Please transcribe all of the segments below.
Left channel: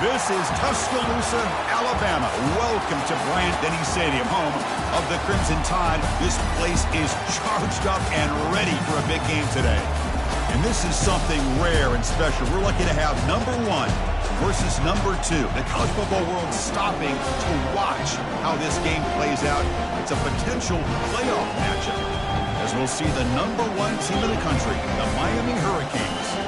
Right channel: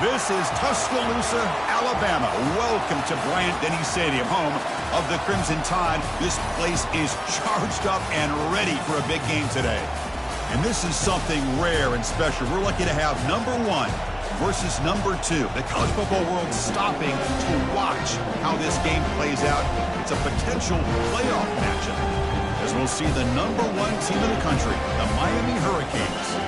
This is Tuscaloosa, Alabama. Welcome to Bryant-Denny Stadium, home of the Crimson Tide. This place is charged up and ready for a big game today. And this is something rare and special. We're lucky to have number 1 versus number 2. The college football world stopping to watch how this game plays out. It's a potential playoff matchup, as we'll see the number 1 team in the country, the Miami Hurricanes,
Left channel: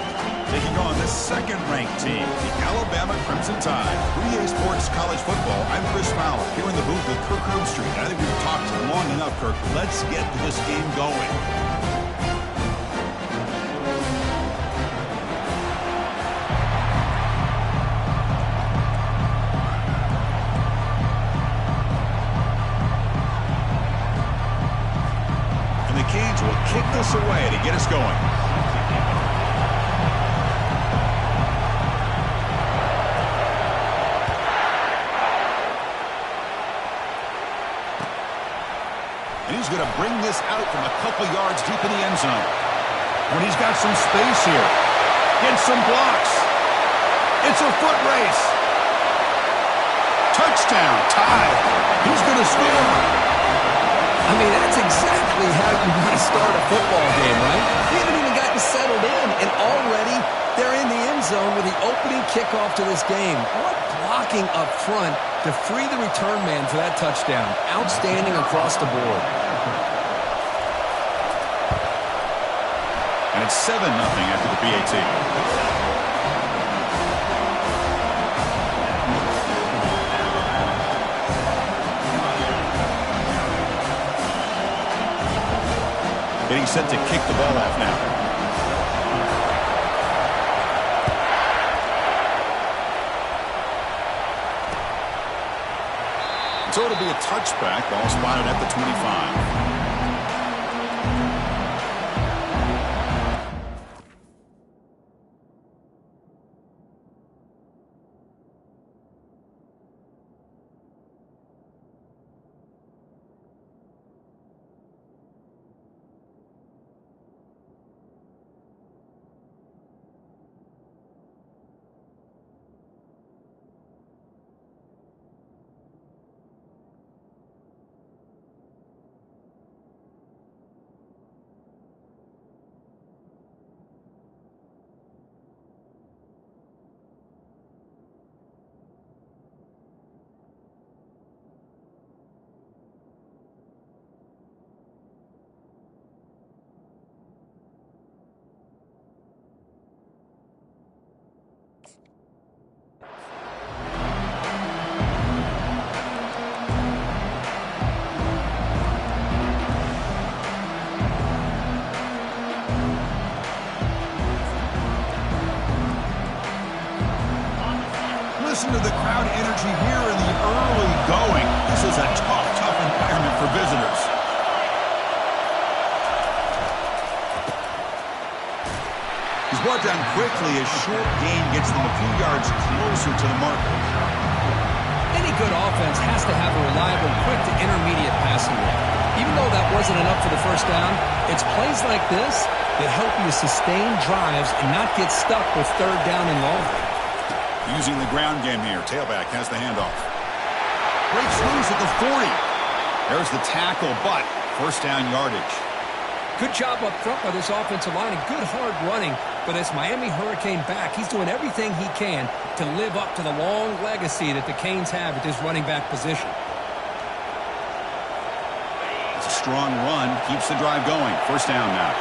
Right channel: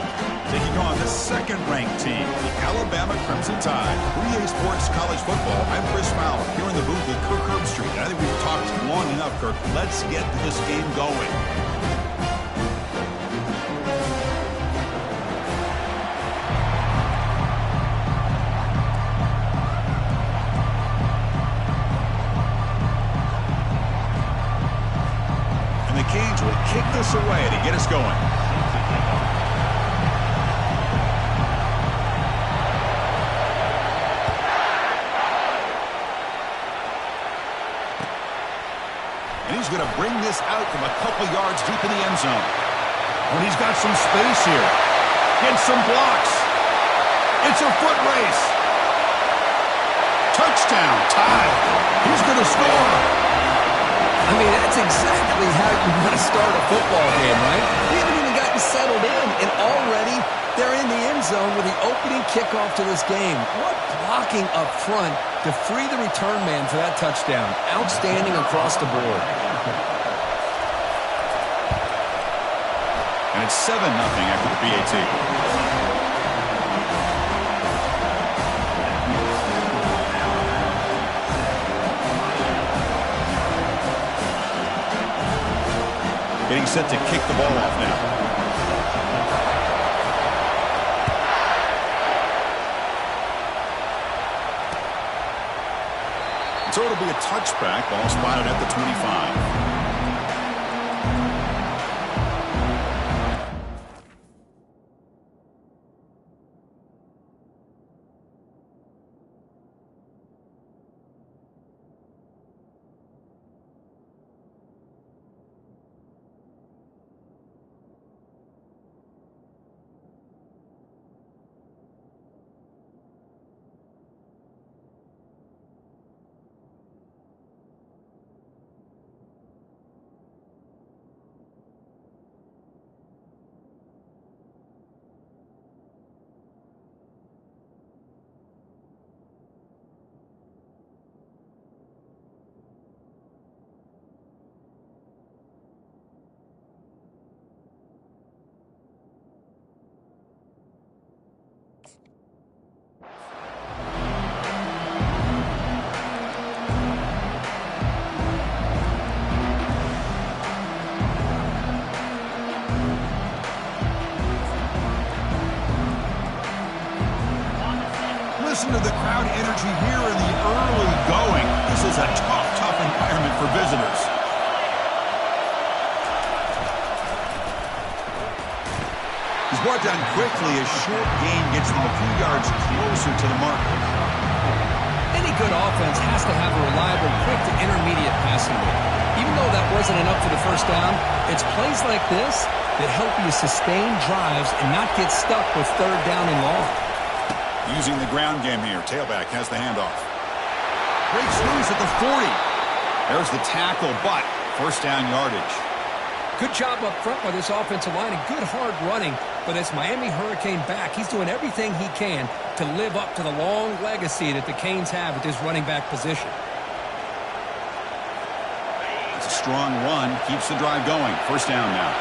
taking on the second-ranked team, the Alabama Crimson Tide. 3A Sports College Football. I'm Chris Fowler, here in the booth with Kirk Herbstreit. I think we've talked long enough, Kirk. Let's get this game going. And the Canes will kick this away to get us going. And he's going to bring this out from a couple yards deep in the end zone. When he's got some space here. Gets some blocks. It's a foot race. Touchdown. Tide. He's going to score. I mean, that's exactly how you want to start a football game, right? We haven't even gotten settled in, and already they're in the end zone with the opening kickoff to this game. What blocking up front to free the return man for that touchdown. Outstanding across the board. And it's 7-0 after the PAT. Getting set to kick the ball off now. So it'll be a touchback. Ball spotted at the 25. Listen to the crowd energy here in the early going. This is a tough environment for visitors. He's brought down quickly. A short gain gets them a few yards closer to the marker. Any good offense has to have a reliable, quick to intermediate passing game. Even though that wasn't enough for the first down, it's plays like this that help you sustain drives and not get stuck with third down and long. Using the ground game here. Tailback has the handoff. Breaks loose at the 40. There's the tackle, but first down yardage. Good job up front by this offensive line and good hard running for this Miami Hurricane back. He's doing everything he can to live up to the long legacy that the Canes have at this running back position. It's a strong run. Keeps the drive going. First down now.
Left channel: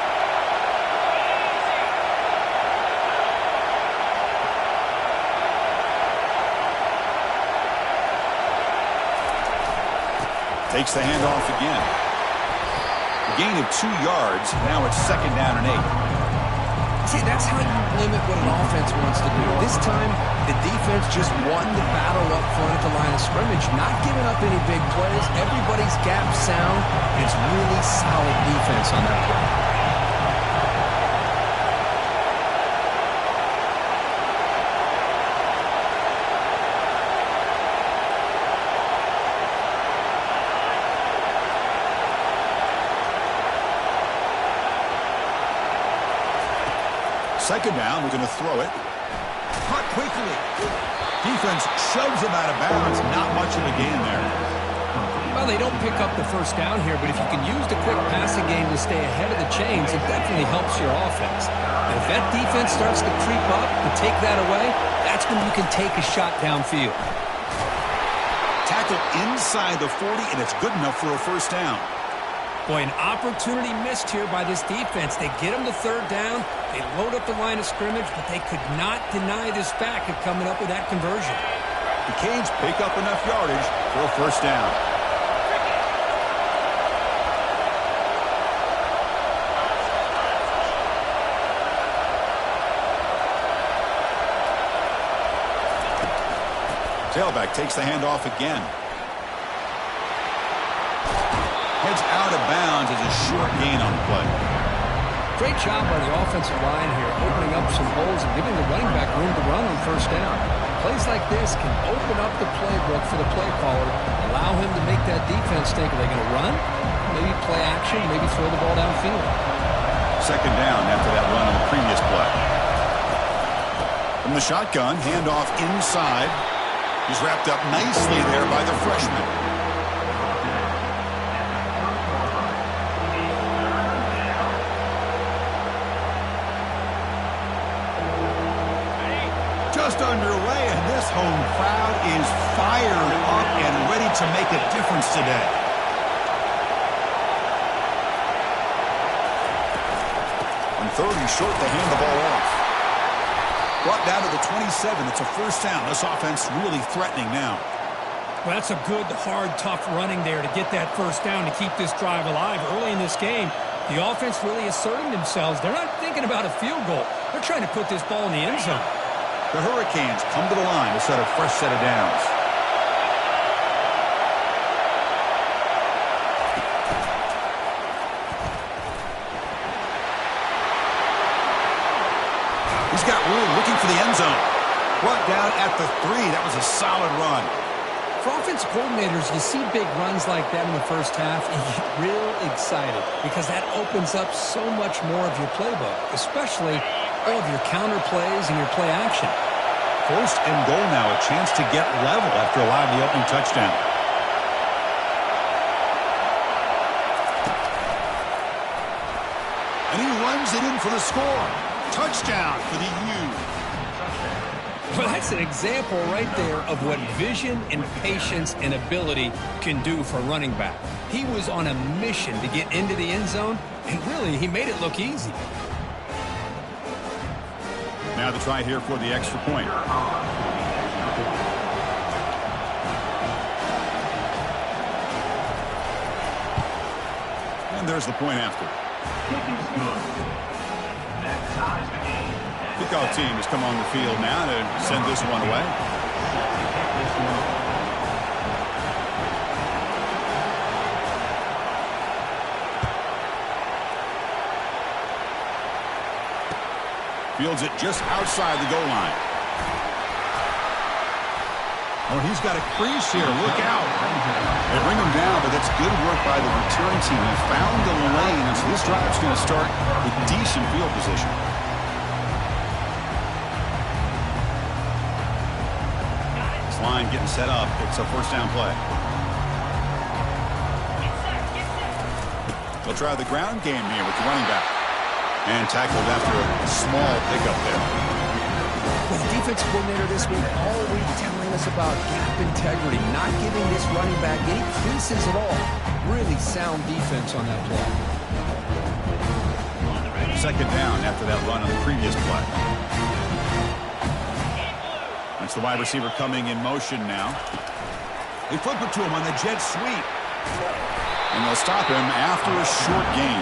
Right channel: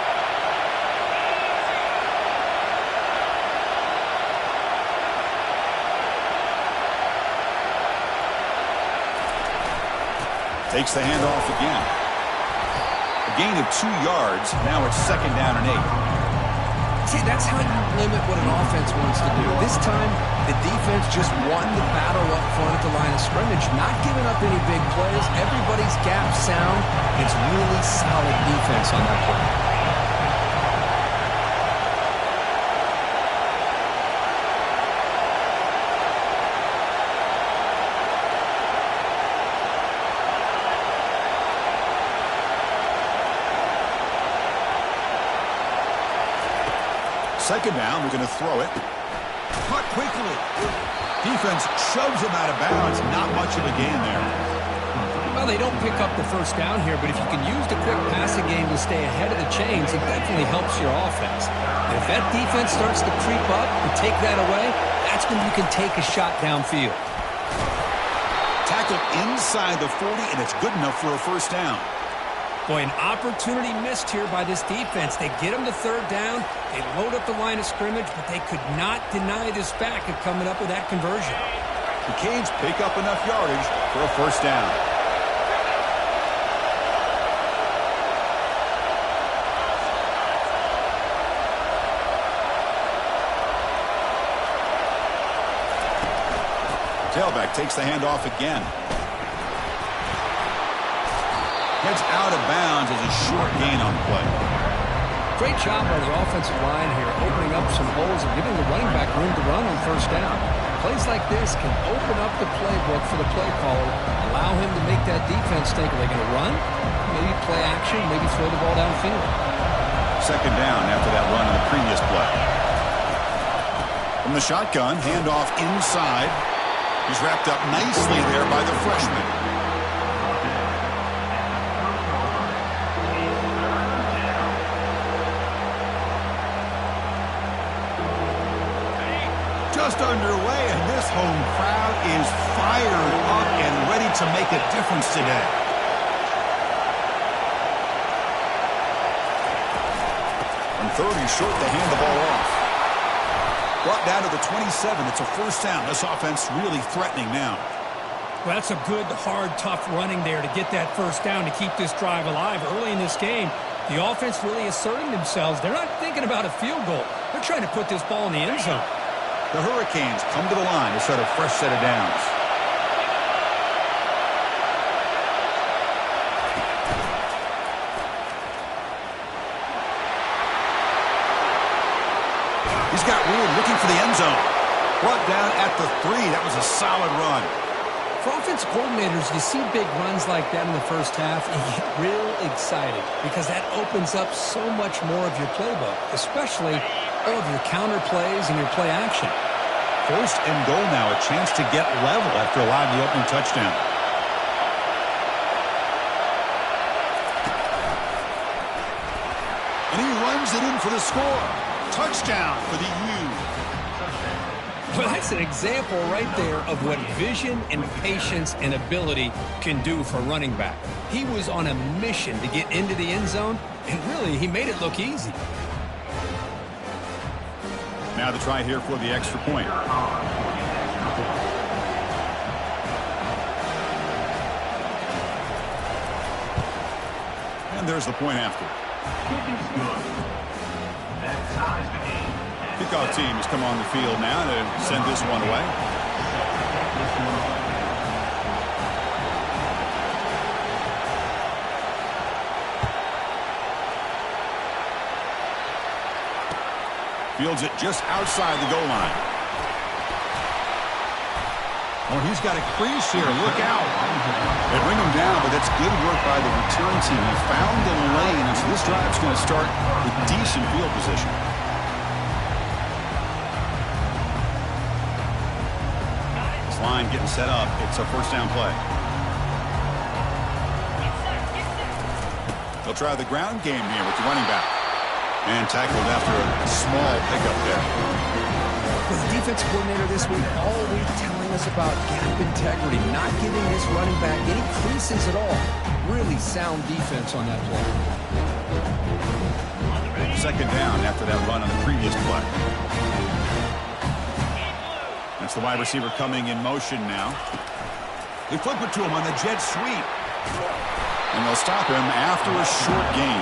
Takes the handoff again. A gain of 2 yards. Now it's second down and 8. See, that's how you limit what an offense wants to do. This time, the defense just won the battle up front at the line of scrimmage, not giving up any big plays. Everybody's gap sound. It's really solid defense on that play. Second down, we're going to throw it. Caught quickly. Defense shoves him out of bounds. Not much of a gain there. Well, they don't pick up the first down here, but if you can use the quick passing game to stay ahead of the chains, it definitely helps your offense. And if that defense starts to creep up and take that away, that's when you can take a shot downfield. Tackle inside the 40, and it's good enough for a first down. Boy, an opportunity missed here by this defense. They get them to third down. They load up the line of scrimmage, but they could not deny this back of coming up with that conversion. The Canes pick up enough yardage for a first down. Tailback takes the handoff again. Heads out of bounds as a short gain on the play. Great job by the offensive line here, opening up some holes and giving the running back room to run on first down. Plays like this can open up the playbook for the play caller, allow him to make that defense think, are they going to run? Maybe play action, maybe throw the ball downfield. Second down after that run on the previous play. From the shotgun, handoff inside. He's wrapped up nicely there by the freshman. Just underway, and this home crowd is fired up and ready to make a difference today. On third and short, they hand the ball off. Brought down to the 27. It's a first down. This offense really threatening now. Well, that's a good, hard, tough running there to get that first down to keep this drive alive. Early in this game, the offense really asserting themselves. They're not thinking about a field goal. They're trying to put this ball in the end zone. The Hurricanes come to the line to set a fresh set of downs. He's got room looking for the end zone. Brought down at the 3. That was a solid run. For offensive coordinators, you see big runs like that in the first half and you get real excited because that opens up so much more of your playbook, especially all of your counter plays and your play action. First and goal now, a chance to get level after allowing the opening touchdown. And he runs it in for the score. Touchdown for the U. Well, that's an example right there of what vision and patience and ability can do for a running back. He was on a mission to get into the end zone, and really, he made it look easy. Now the try here for the extra point. And there's the point after. Kickoff team has come on the field now to send this one away. Fields it just outside the goal line. Oh, he's got a crease here. Look out. They bring him down, but that's good work by the return team. He found the lane, and so this drive's going to start with decent field position. This line getting set up. It's a first down play. They'll try the ground game here with the running back. And tackled after a small pickup there. Well, the defense coordinator this week all week telling us about gap integrity, not giving this running back any creases at all. Really sound defense on that play. Second down after that run on the previous play. That's the wide receiver coming in motion now. They flip it to him on the jet sweep. And they'll stop him after a short gain.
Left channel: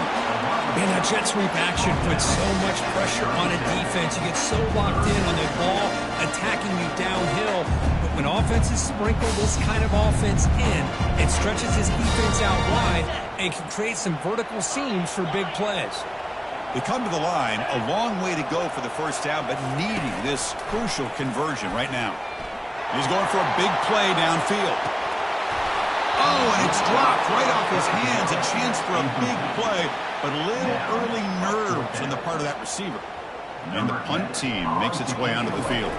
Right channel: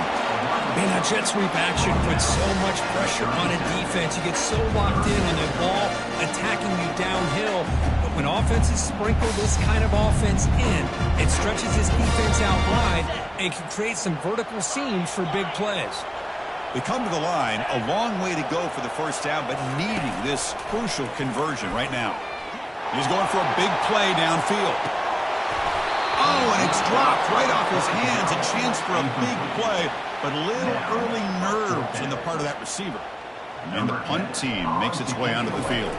Man, that jet sweep action puts so much pressure on a defense. You get so locked in on the ball attacking you downhill. But when offenses sprinkle this kind of offense in, it stretches this defense out wide and can create some vertical seams for big plays. They come to the line, a long way to go for the first down, but needing this crucial conversion right now. He's going for a big play downfield. Oh, and it's dropped right off his hands. A chance for a big play, but little early nerves on the part of that receiver. And the punt team makes its way onto the field.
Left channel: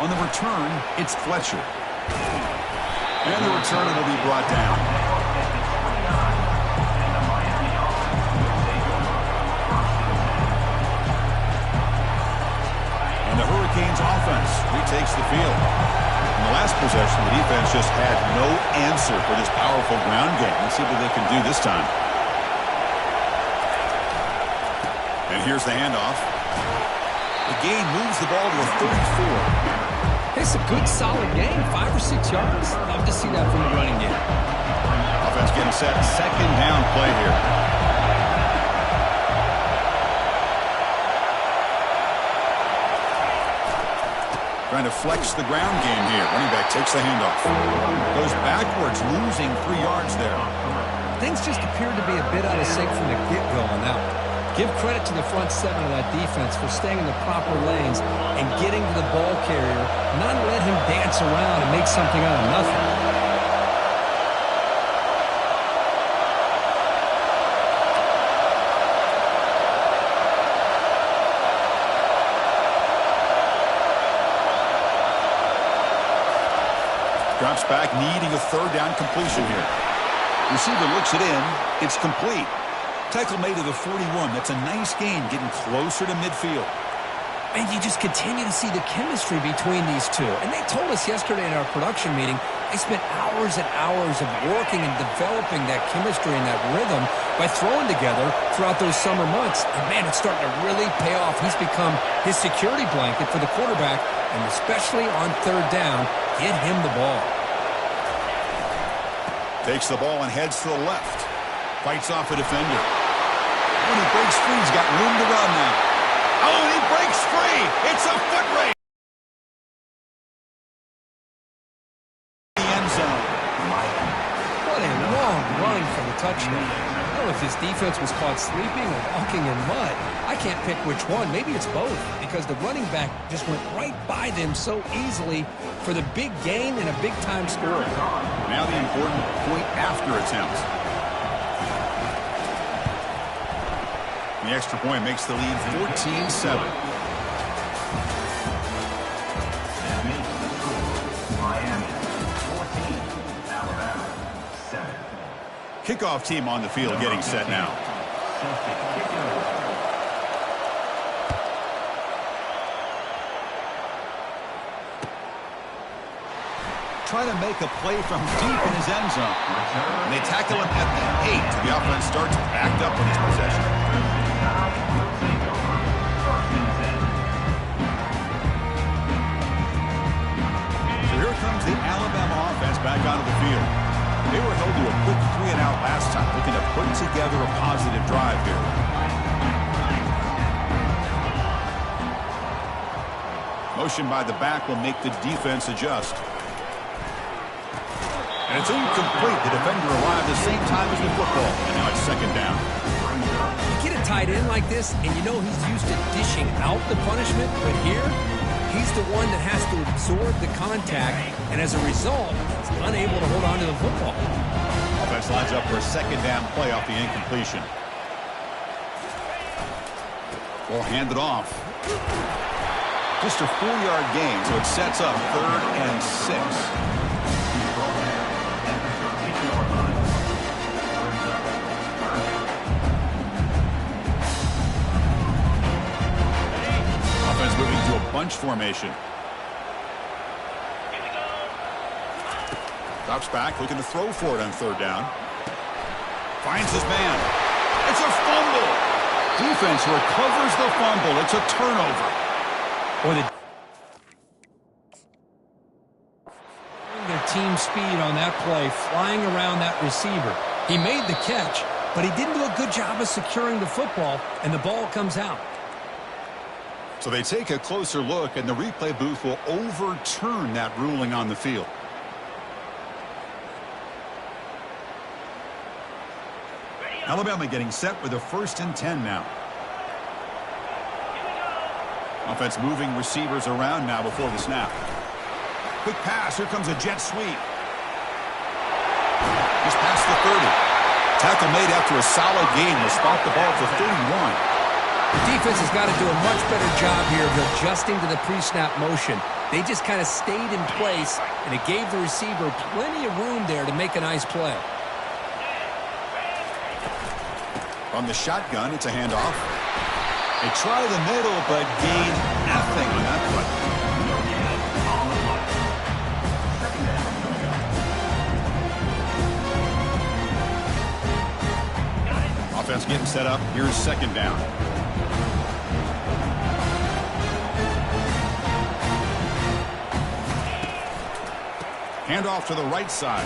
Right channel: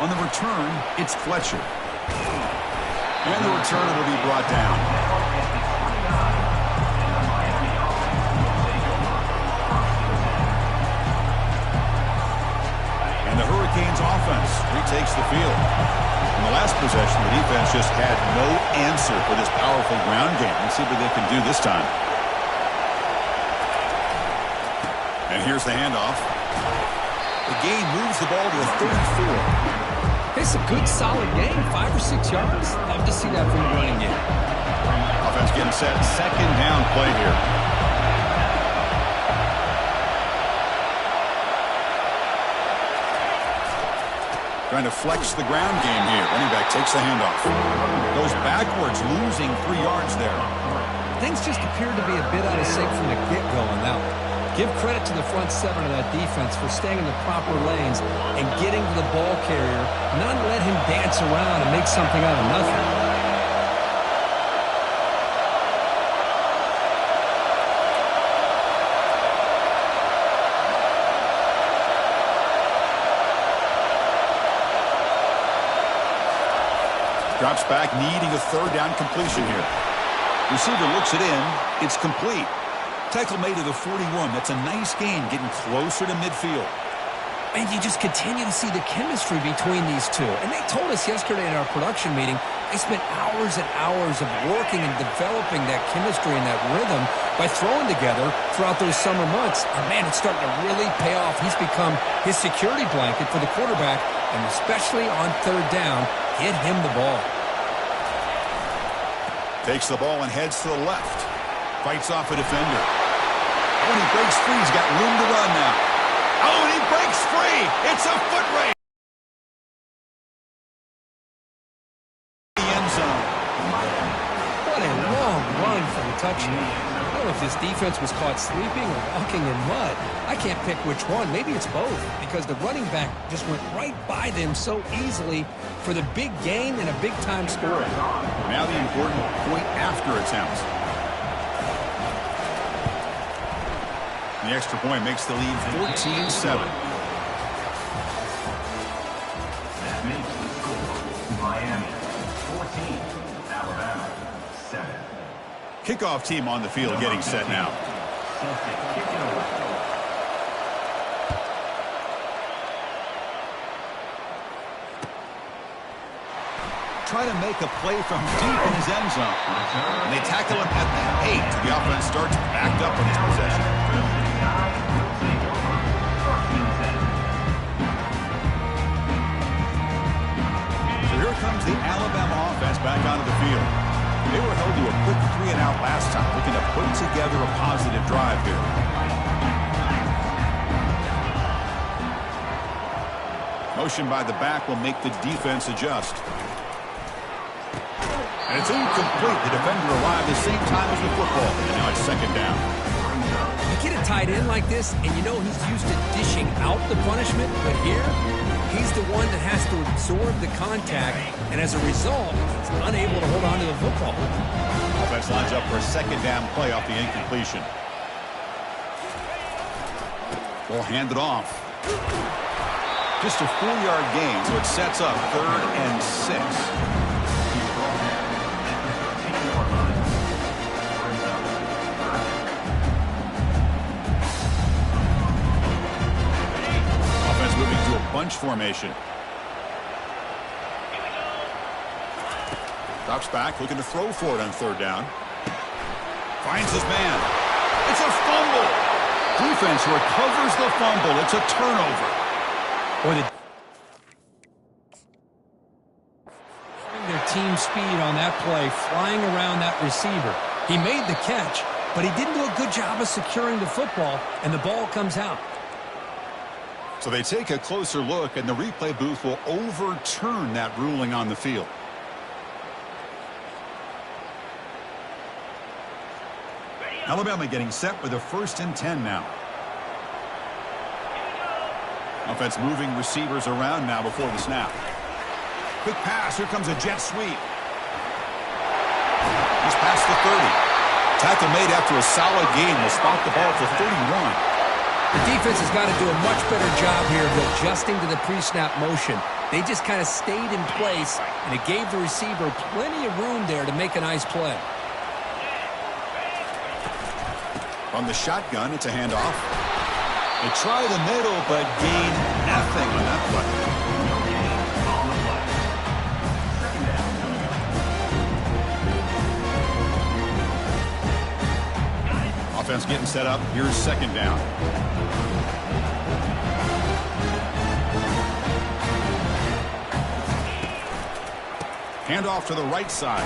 On the return, it's Fletcher. And the return will be brought down. And the Hurricanes offense retakes the field. In the last possession, the defense just had no answer for this powerful ground game. Let's see what they can do this time. And here's the handoff. The gain moves the ball to a 34. It's a good, solid game. 5 or 6 yards. Love to see that from the running game. Offense getting set. Second down play here. Trying to flex the ground game here. Running back takes the handoff. Goes backwards, losing 3 yards there. Things just appeared to be a bit out of sync from the get-go on that one. Give credit to the front seven of that defense for staying in the proper lanes and getting to the ball carrier, not let him dance around and make something out of nothing. Drops back, needing a third down completion here. Receiver looks it in. It's complete. Tackle made to the 41. That's a nice gain, getting closer to midfield. And you just continue to see the chemistry between these two. And they told us yesterday in our production meeting, they spent hours and hours of working and developing that chemistry and that rhythm by throwing together throughout those summer months. And, man, it's starting to really pay off. He's become his security blanket for the quarterback, and especially on third down, get him the ball. Takes the ball and heads to the left. Fights off a defender. When he breaks free, he's got room to run now. Oh, and he breaks free. It's a foot race. The end zone. What a long run for the touchdown. I don't know if this defense was caught sleeping or walking in mud. I can't pick which one. Maybe it's both, because the running back just went right by them so easily for the big gain and a big-time score. Now the important point after attempt. The extra point makes the lead 14-7. That makes the score Miami 14, Alabama 7. Kickoff team on the field getting set now. Set to kick it away. Try to make a play from deep in his end zone. And they tackle him at the 8. The offense starts backed up on his possession. So here comes the Alabama offense back onto the field. They were held to a quick 3-and-out last time, looking to put together a positive drive here. Motion by the back will make the defense adjust. And it's incomplete. The defender arrived the same time as the football. And now it's second down. You get a tight end like this, and you know he's used to dishing out the punishment, but here, he's the one that has to absorb the contact, and as a result, he's unable to hold on to the football. Offense lines up for a second down play off the incompletion. Ball handed off. Just a 4-yard gain, so it sets up 3rd and 6. Offense moving to a bunch formation. Drops back, looking to throw for it on 3rd down. Finds his man. It's a fumble. Defense recovers the fumble. It's a turnover. Boy, their team speed on that play, flying around that receiver. He made the catch, but he didn't do a good job of securing the football, and the ball comes out. So they take a closer look, and the replay booth will overturn that ruling on the field. Alabama getting set with a 1st and 10 now. Offense moving receivers around now before the snap. Quick pass. Here comes a jet sweep. He's past the 30. tackle made after a solid gain will spot the ball for 31. The defense has got to do a much better job here of adjusting to the pre-snap motion. They just kind of stayed in place, and it gave the receiver plenty of room there to make a nice play. From the shotgun, it's a handoff. They try the middle, but gain nothing on that play. No gain on the play. Second down coming up. Offense getting set up. Here's second down. Handoff to the right side.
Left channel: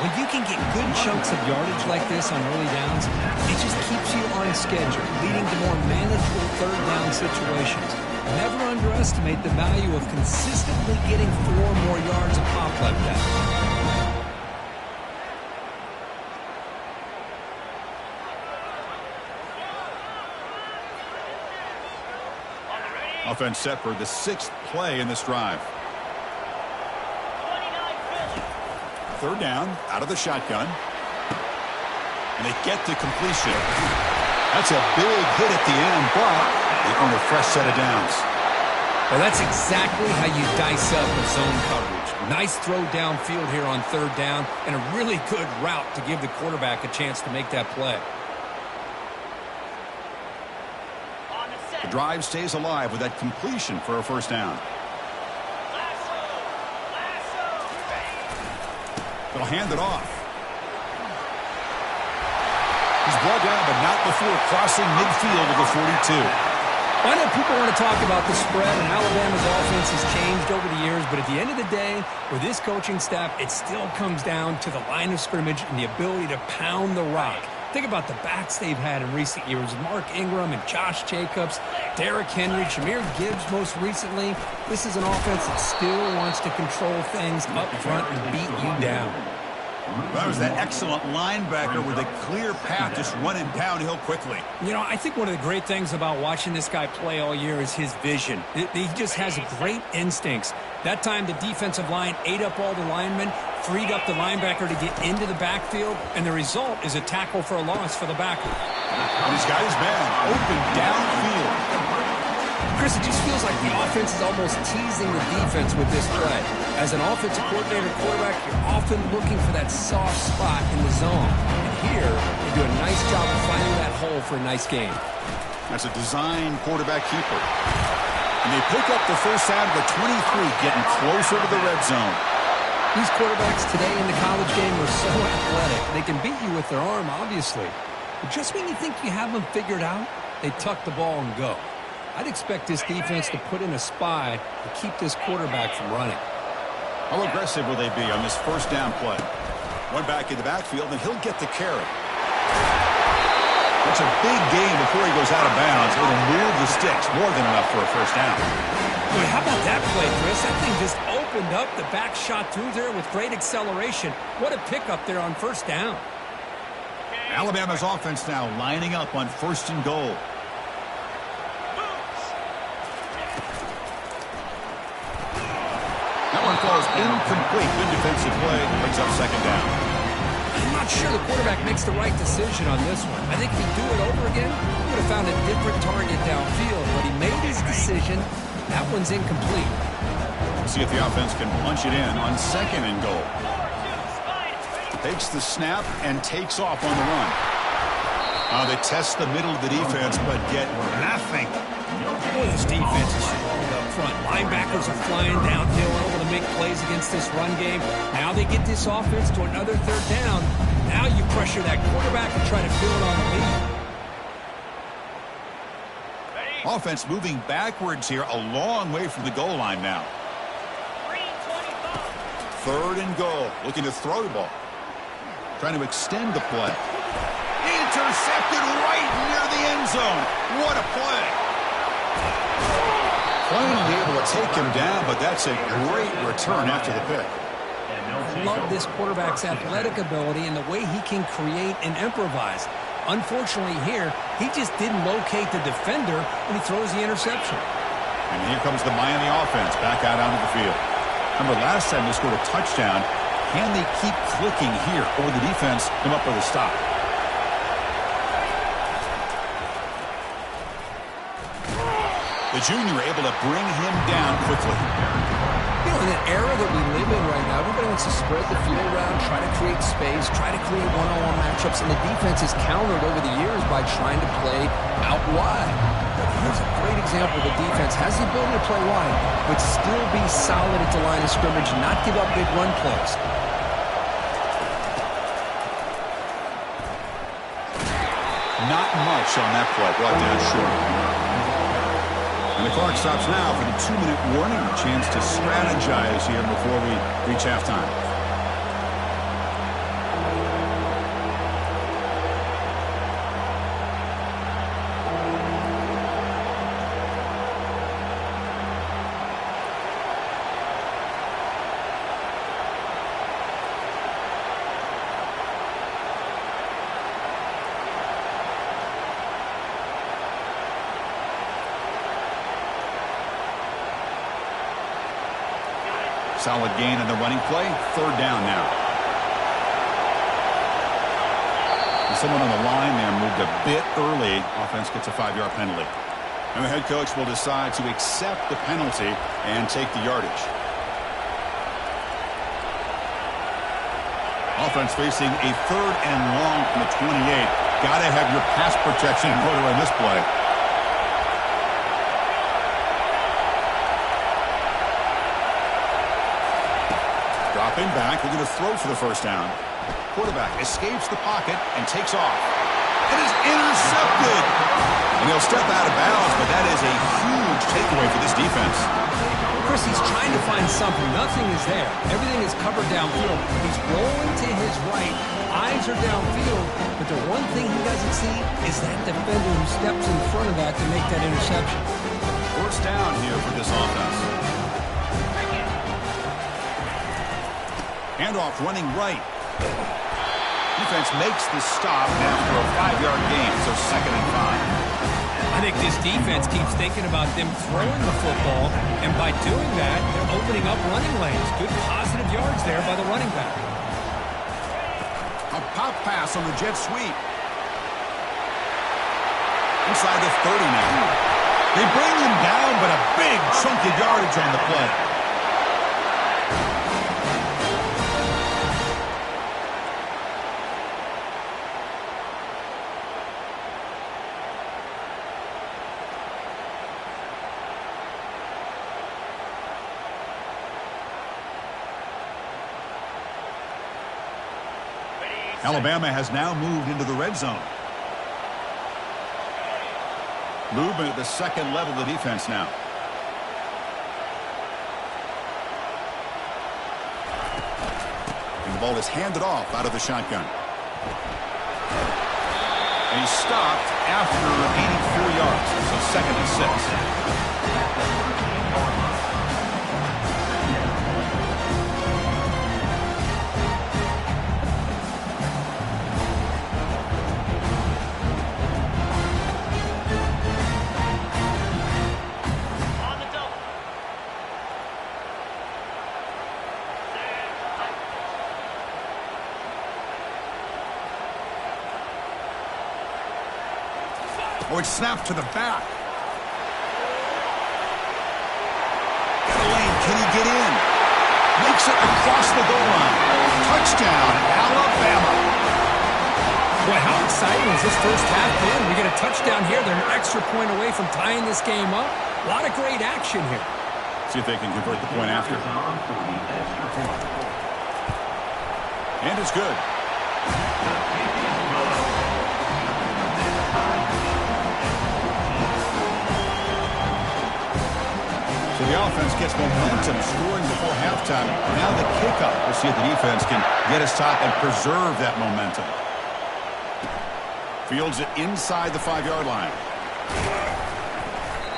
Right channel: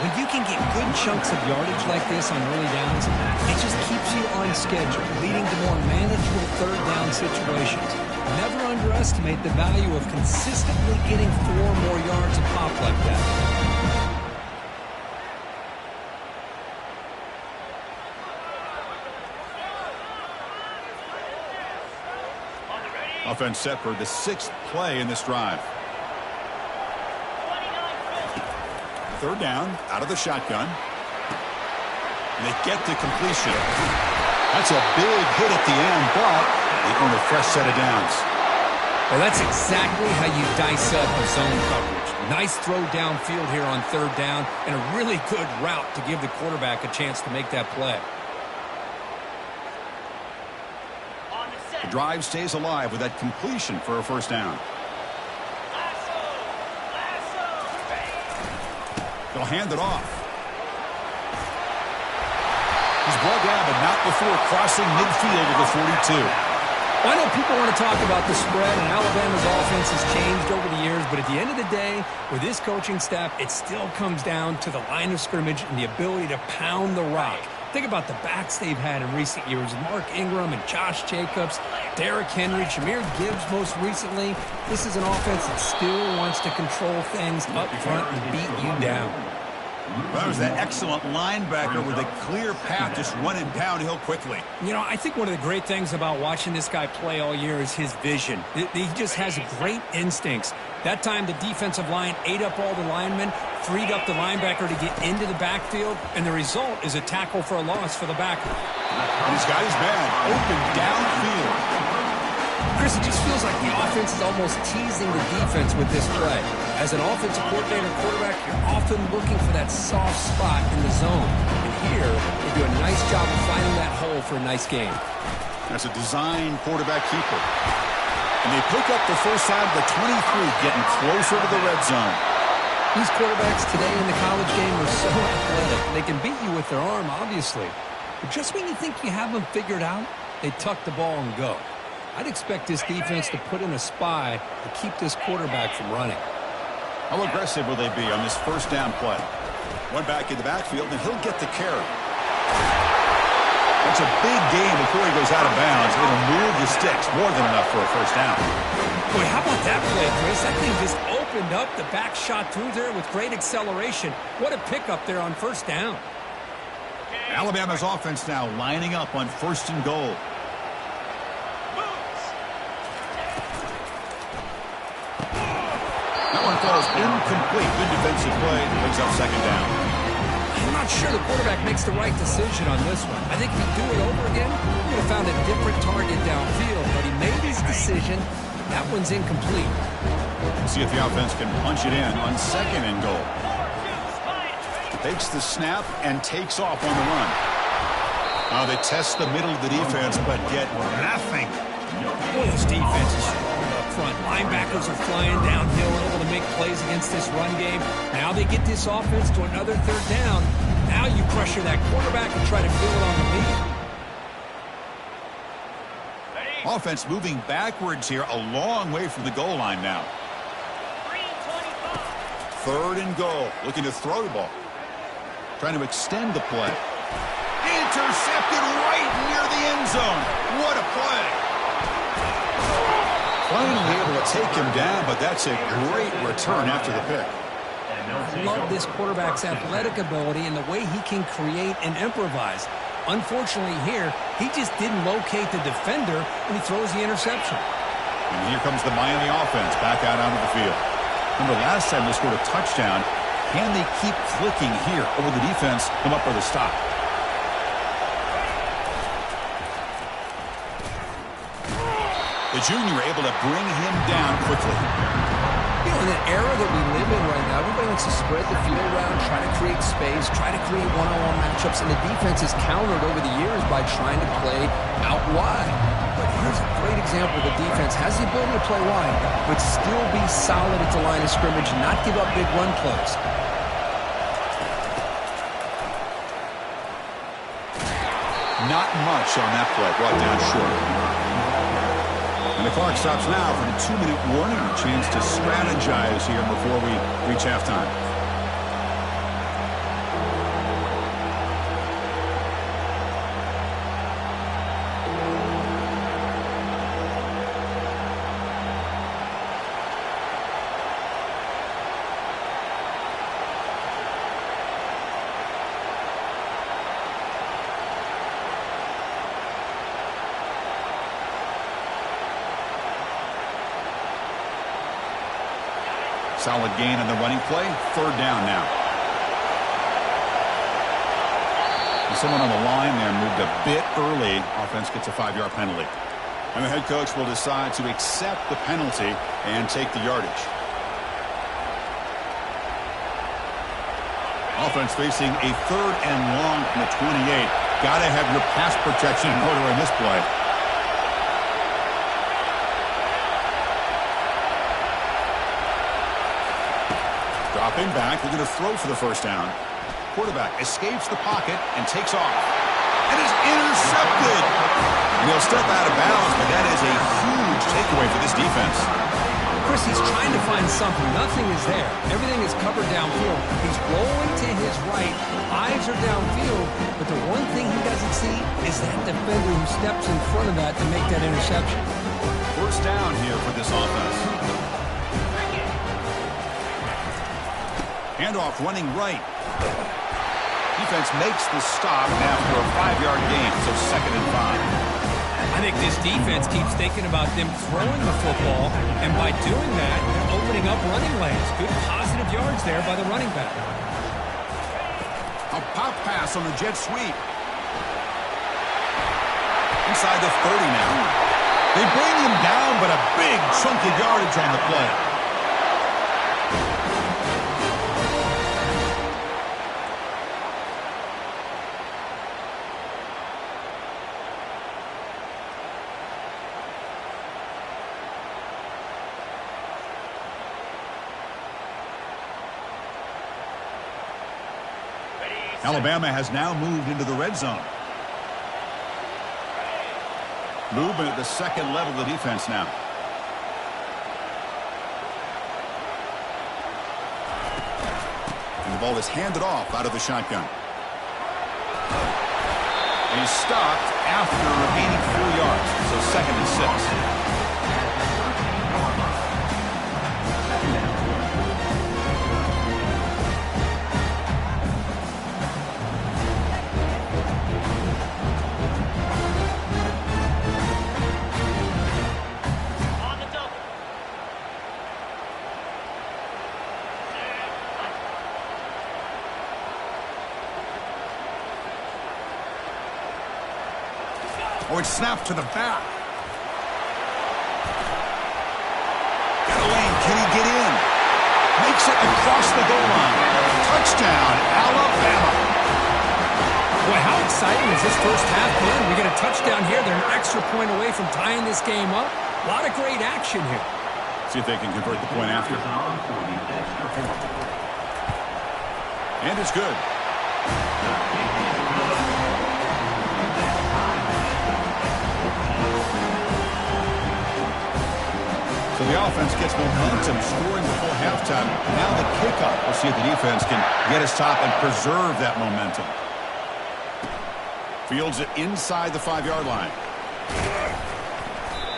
When you can get good chunks of yardage like this on early downs, it just keeps you on schedule, leading to more manageable third down situations. Never underestimate the value of consistently getting 4 more yards a pop like that. Offense set for the 6th play in this drive. Third down, out of the shotgun. And they get to completion. That's a big hit at the end, but they earn a fresh set of downs. Well, that's exactly how you dice up a zone coverage. Nice throw downfield here on third down, and a really good route to give the quarterback a chance to make that play. The drive stays alive with that completion for a first down. They'll hand it off. He's brought down, but not before crossing midfield of the 42. I know people want to talk about the spread, and Alabama's offense has changed over the years, but at the end of the day, with this coaching staff, it still comes down to the line of scrimmage and the ability to pound the rock. Think about the backs they've had in recent years. Mark Ingram and Josh Jacobs, Derrick Henry, Jahmyr Gibbs most recently. This is an offense that still wants to control things up front and beat you down. That was that excellent linebacker with a clear path just running downhill quickly. You know, I think one of the great things about watching this guy play all year is his vision. He just has great instincts. That time the defensive line ate up all the linemen, freed up the linebacker to get into the backfield, and the result is a tackle for a loss for the backer. And he's got his man open downfield. Chris, it just feels like the offense is almost teasing the defense with this play. As an offensive coordinator quarterback, you're often looking for that soft spot in the zone. And here, they do a nice job of finding that hole for a nice game. That's a design quarterback keeper. And they pick up the first out of the 23, getting closer to the red zone. These quarterbacks today in the college game are so athletic. They can beat you with their arm, obviously. But just when you think you have them figured out, they tuck the ball and go. I'd expect this defense to put in a spy to keep this quarterback from running. How aggressive will they be on this first down play? One back in the backfield, and he'll get the carry. That's a big gain before he goes out of bounds. It'll move the sticks, more than enough for a first down. Boy, how about that play, Chris? That thing just opened up. The back shot through there with great acceleration. What a pickup there on first down. Alabama's offense now lining up on first and goal. That one falls incomplete. Good defensive play. Brings up second down. I'm not sure the quarterback makes the right decision on this one. I think if he'd do it over again, he would have found a different target downfield. But he made his decision. That one's incomplete. We'll see if the offense can punch it in on second and goal. Takes the snap and takes off on the run. They test the middle of the defense, but get nothing. Boy, this defense is strong up front. Linebackers are flying downhill, able to make plays against this run game. Now they get this offense to another third down. Now you pressure that quarterback and try to build on the lead. Offense moving backwards here, a long way from the goal line now. Third and goal, looking to throw the ball. Trying to extend the play. Intercepted right near the end zone. What a play. Finally able to take him down, but that's a great return after the pick. I love this quarterback's athletic ability and the way he can create and improvise. Unfortunately here, he just didn't locate the defender, and he throws the interception. And here comes the Miami offense back out onto the field. Remember last time they scored a touchdown, Can they keep clicking here, or will the defense come up with a stop? The junior able to bring him down quickly. You know, in the era that we live in right now, everybody wants to spread the field around, try to create space, try to create one-on-one matchups, and the defense has countered over the years by trying to play out wide. But here's a great example. The defense has the ability to play wide, but still be solid at the line of scrimmage, not give up big run plays. Not much on that play, brought down short. And the clock stops now for the 2-minute warning. A chance to strategize here before we reach halftime. Solid gain on the running play. 3rd down now. And someone on the line there moved a bit early. Offense gets a 5-yard penalty. And the head coach will decide to accept the penalty and take the yardage. Offense facing a 3rd and long from the 28. Got to have your pass protection in order on this play. Dropping back, they're going to throw for the 1st down. Quarterback escapes the pocket and takes off. It is intercepted. And he'll step out of bounds, but that is a huge takeaway for this defense. Chris, he's trying to find something. Nothing is there. Everything is covered downfield. He's rolling to his right. Eyes are downfield. But the one thing he doesn't see is that defender who steps in front of that to make that interception. 1st down here for this offense. Handoff running right. Defense makes the stop after a 5-yard gain, so 2nd and 5. I think this defense keeps thinking about them throwing the football, and by doing that, they're opening up running lanes. Good positive yards there by the running back. A pop pass on the jet sweep. Inside the 30 now. They bring him down, but a big chunk of yardage on the play. Alabama has now moved into the red zone. Movement at the 2nd level of the defense now. And the ball is handed off out of the shotgun. And he's stopped after gaining 4 yards, so 2nd and 6. Oh, it's snapped to the back. Got a lane. Can he get in? Makes it across the goal line. Touchdown, Alabama. Boy, how exciting has this first half been? We get a touchdown here. They're an extra point away from tying this game up. A lot of great action here. See if they can convert the point after. And it's good. So the offense gets momentum, scoring before halftime. Now the kickoff. We'll see if the defense can get us top and preserve that momentum. Fields it inside the 5-yard line.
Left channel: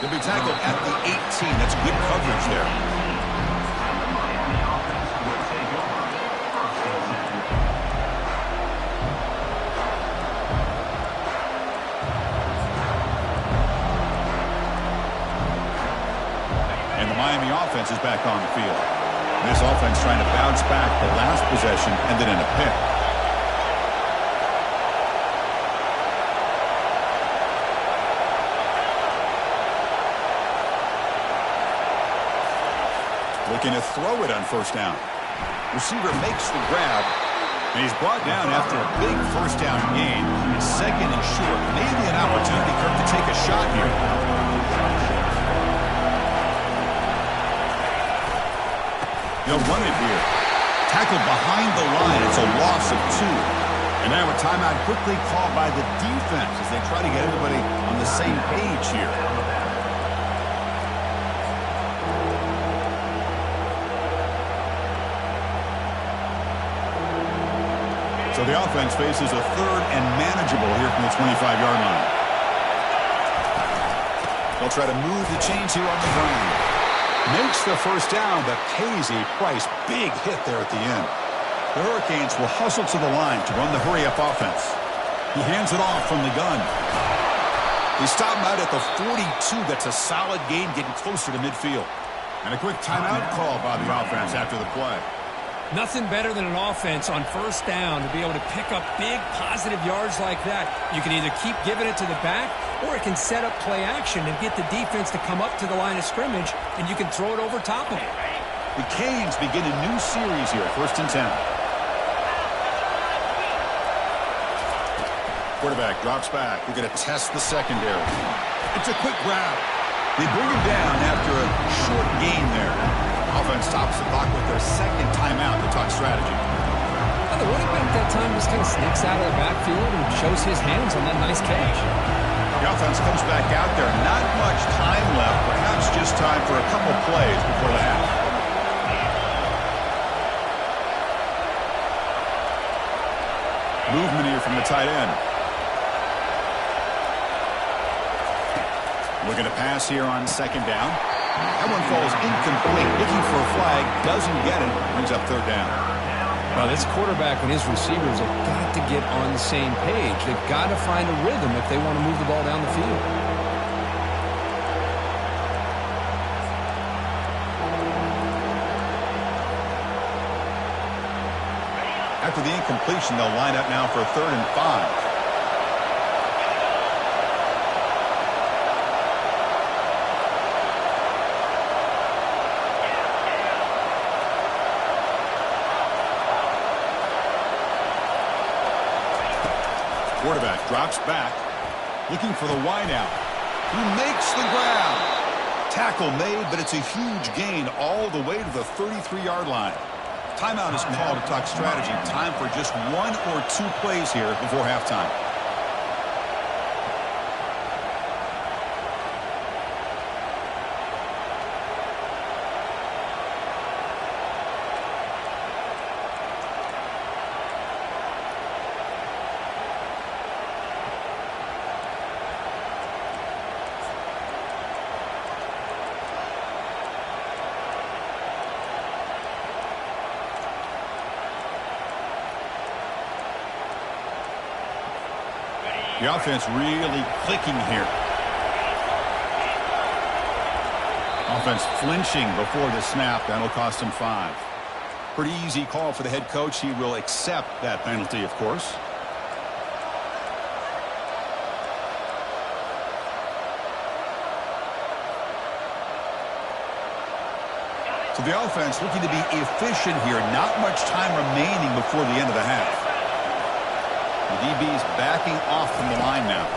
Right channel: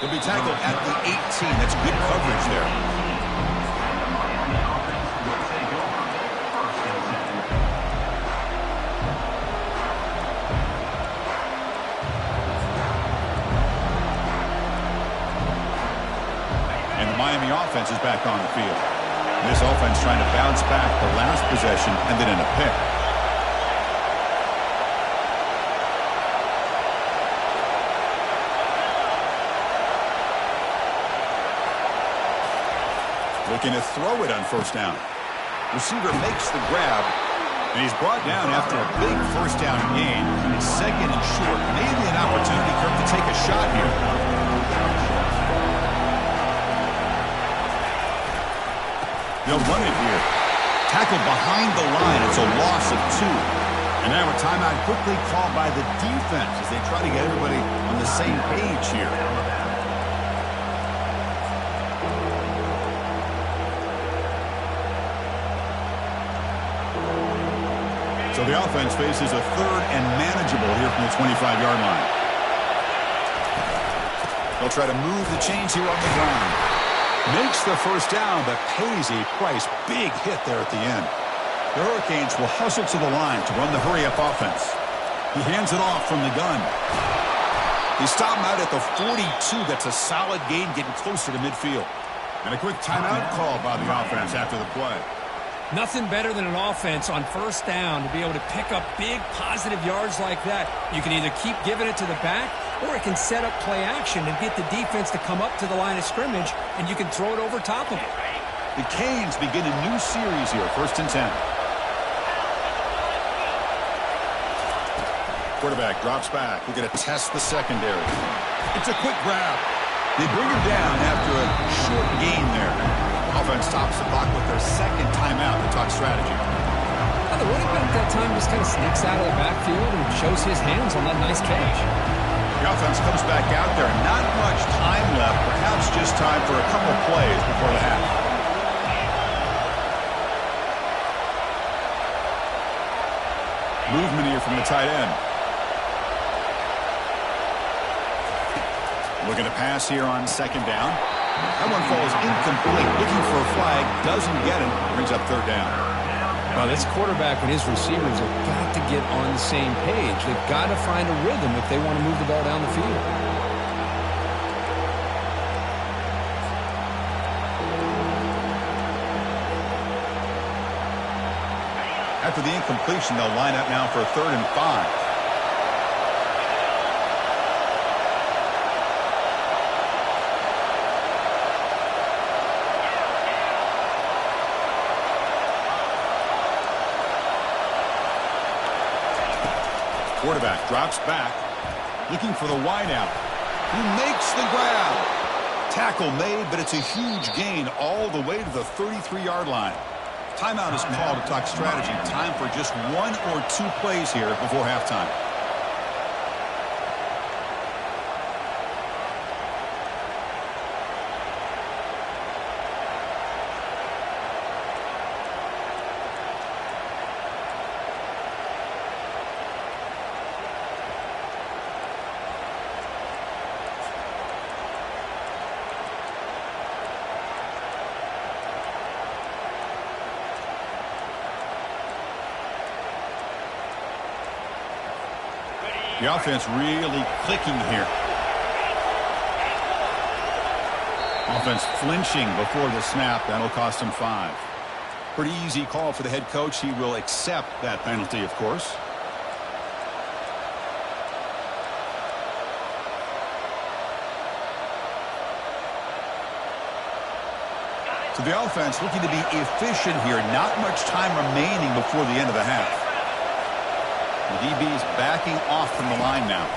He'll be tackled at the 18. That's good coverage there. And the Miami offense is back on the field. This offense trying to bounce back. The last possession ended in a pick. Looking to throw it on first down. Receiver makes the grab, and he's brought down after a big first down gain. It's second and short. Maybe an opportunity, Kirk, to take a shot here. They'll run it here. Tackled behind the line. It's a loss of 2. And now a timeout quickly called by the defense as they try to get everybody on the same page here. So the offense faces a third and manageable here from the 25-yard line. They'll try to move the chains here on the ground. Makes the first down, but pays a price. Big hit there at the end. The Hurricanes will hustle to the line to run the hurry-up offense. He hands it off from the gun. They stop him out at the 42. That's a solid gain, getting closer to midfield. And a quick timeout call by the offense after the play. Nothing better than an offense on first down to be able to pick up big positive yards like that. You can either keep giving it to the back, or it can set up play action and get the defense to come up to the line of scrimmage, and you can throw it over top of it. The Canes begin a new series here, 1st and 10. Quarterback drops back. We're going to test the secondary. It's a quick grab. They bring him down after a short gain there. Offense stops the clock with their second timeout to talk strategy. Well, the running back that time just kind of sneaks out of the backfield and shows his hands on that nice catch. The offense comes back out there. Not much time left. Perhaps just time for a couple plays before the half. Movement here from the tight end. Looking to pass here on second down. That one falls incomplete. Looking for a flag. Doesn't get it. Brings up third down. Well, this quarterback and his receivers have got to get on the same page. They've got to find a rhythm if they want to move the ball down the field. After the incompletion, they'll line up now for a 3rd and 5. Quarterback drops back, looking for the wideout. He makes the grab. Tackle made, but it's a huge gain all the way to the 33-yard line. Timeout is called to talk strategy. Time for just 1 or 2 plays here before halftime. The offense really clicking here. Offense flinching before the snap. That'll cost him 5. Pretty easy call for the head coach. He will accept that penalty, of course. So the offense looking to be efficient here. Not much time remaining before the end of the half. The DB is backing off from the line now.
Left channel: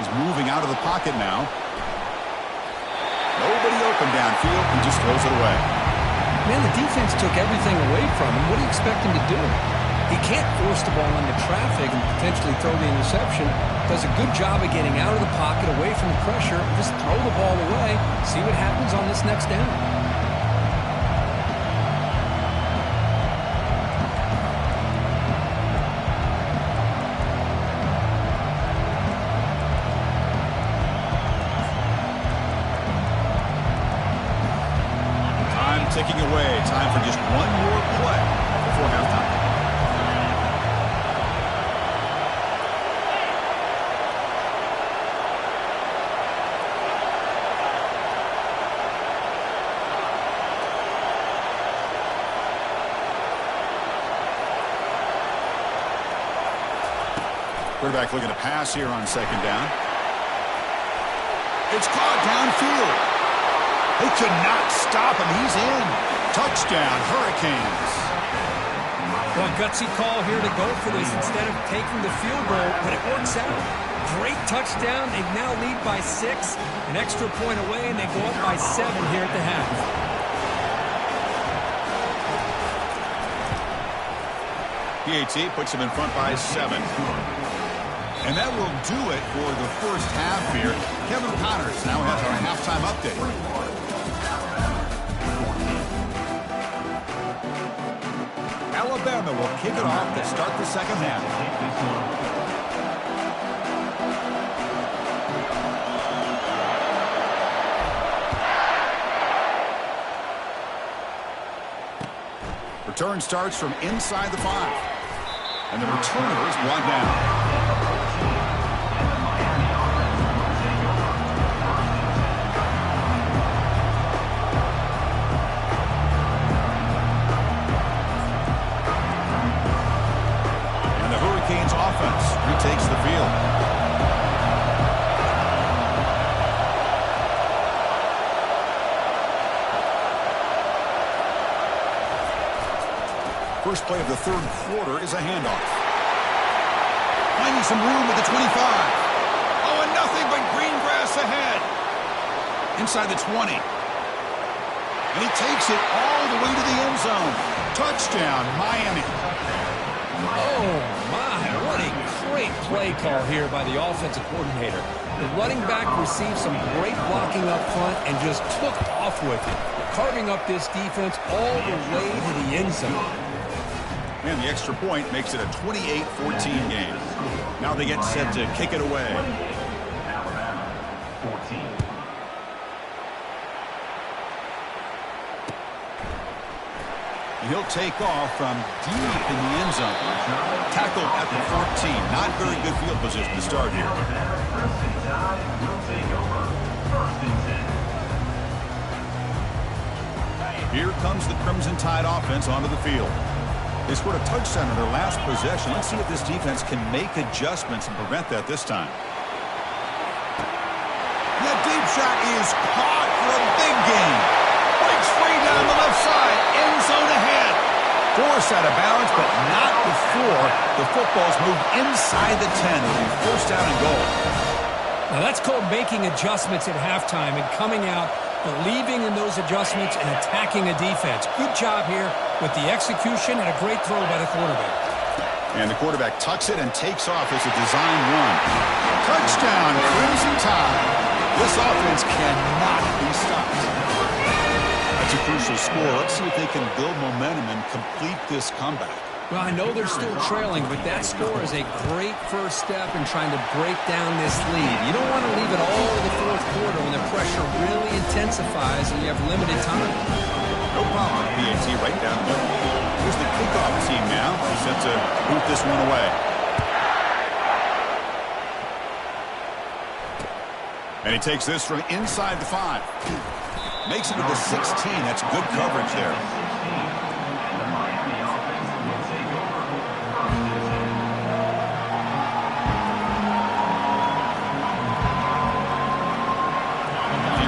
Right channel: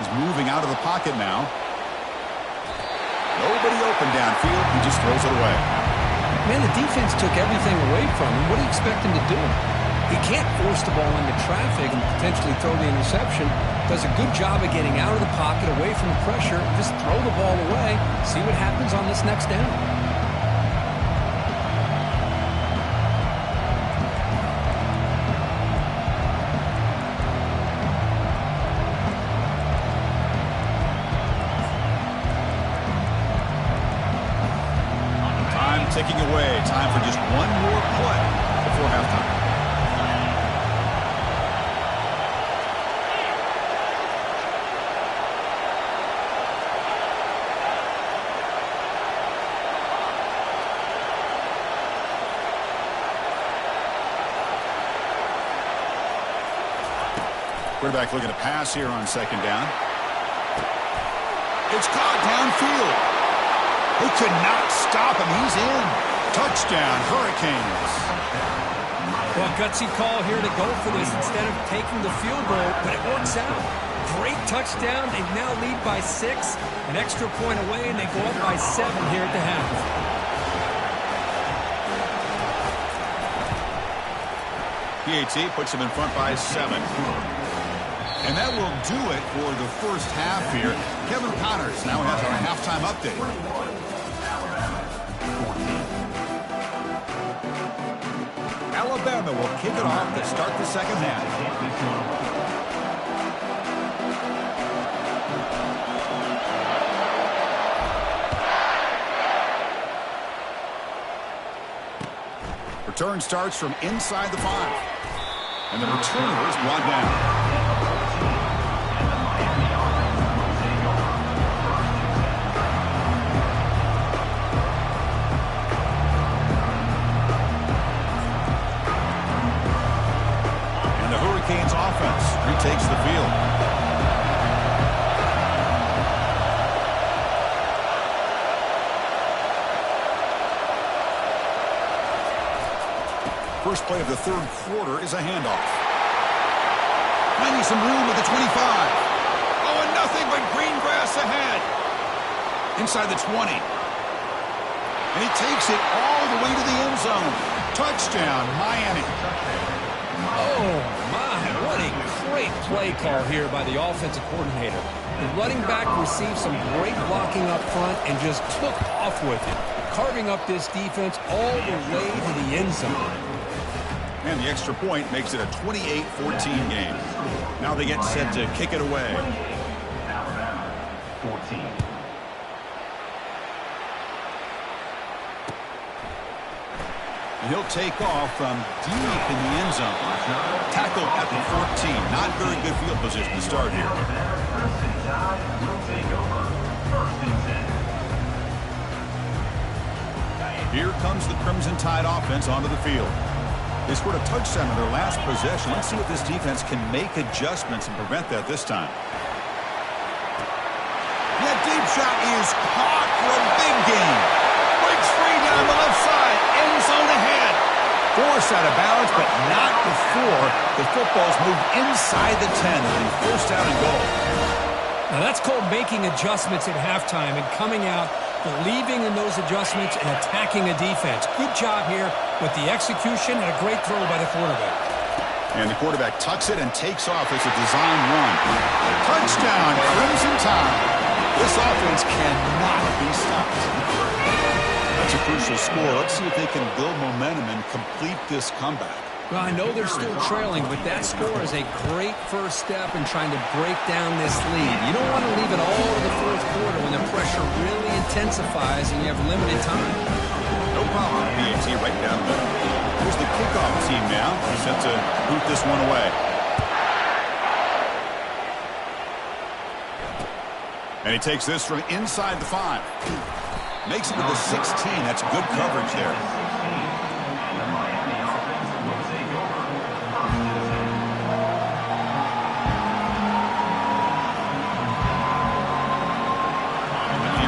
He's moving out of the pocket now. Nobody open downfield. He just throws it away. Man, the defense took everything away from him. What do you expect him to do? He can't force the ball into traffic and potentially throw the interception. Does a good job of getting out of the pocket, away from the pressure. Just throw the ball away. See what happens on this next down. Ticking away. Time for just 1 more play before halftime. Quarterback looking to pass here on second down. It's caught downfield. They could not stop him. He's in. Touchdown, Hurricanes. Well, gutsy call here to go for this instead of taking the field goal, but it works out. Great touchdown. They now lead by 6. An extra point away, and they go up by 7 here at the half. PAT puts him in front by 7. And that will do it for the first half here. Kevin Connors now has our halftime update. Alabama will kick it off to start the second half. Return starts from inside the 5. And the returner is brought down. And the Hurricanes offense retakes the field. First play of the third quarter is a handoff. Finding some room at the 25. Oh, and nothing but green grass ahead. Inside the 20. And he takes it all the way to the end zone. Touchdown, Miami. Oh, my. What a great play call here by the offensive coordinator. The running back received some great blocking up front and just took off with it, carving up this defense all the way to the end zone. And the extra point makes it a 28-14 game. Now they get set to kick it away. Alabama, 14. He'll take off from deep in the end zone. Tackled at the 14. Not very good field position to start here. Here comes the Crimson Tide offense onto the field. They scored a touchdown in their last possession. Let's see if this defense can make adjustments and prevent that this time. That deep shot is caught for a big gain. Breaks free down the left side. End zone ahead. Forced out of bounds, but not before the football's moved inside the 10. It'll be first down and goal. Now that's called making adjustments at halftime and coming out, believing in those adjustments and attacking a defense. Good job here with the execution and a great throw by the quarterback. And the quarterback tucks it and takes off as a design run. Touchdown, Crimson Tide. This offense cannot be stopped. That's a crucial score. Let's see if they can build momentum and complete this comeback. Well, I know they're still trailing, but that score is a great first step in trying to break down this lead. You don't want to leave it all to the fourth quarter when the pressure really intensifies and you have limited time. No problem, PAT, right down the middle. Here's the kickoff team now. Set to boot this one away. And he takes this from inside the 5. Makes it to the 16. That's good coverage there.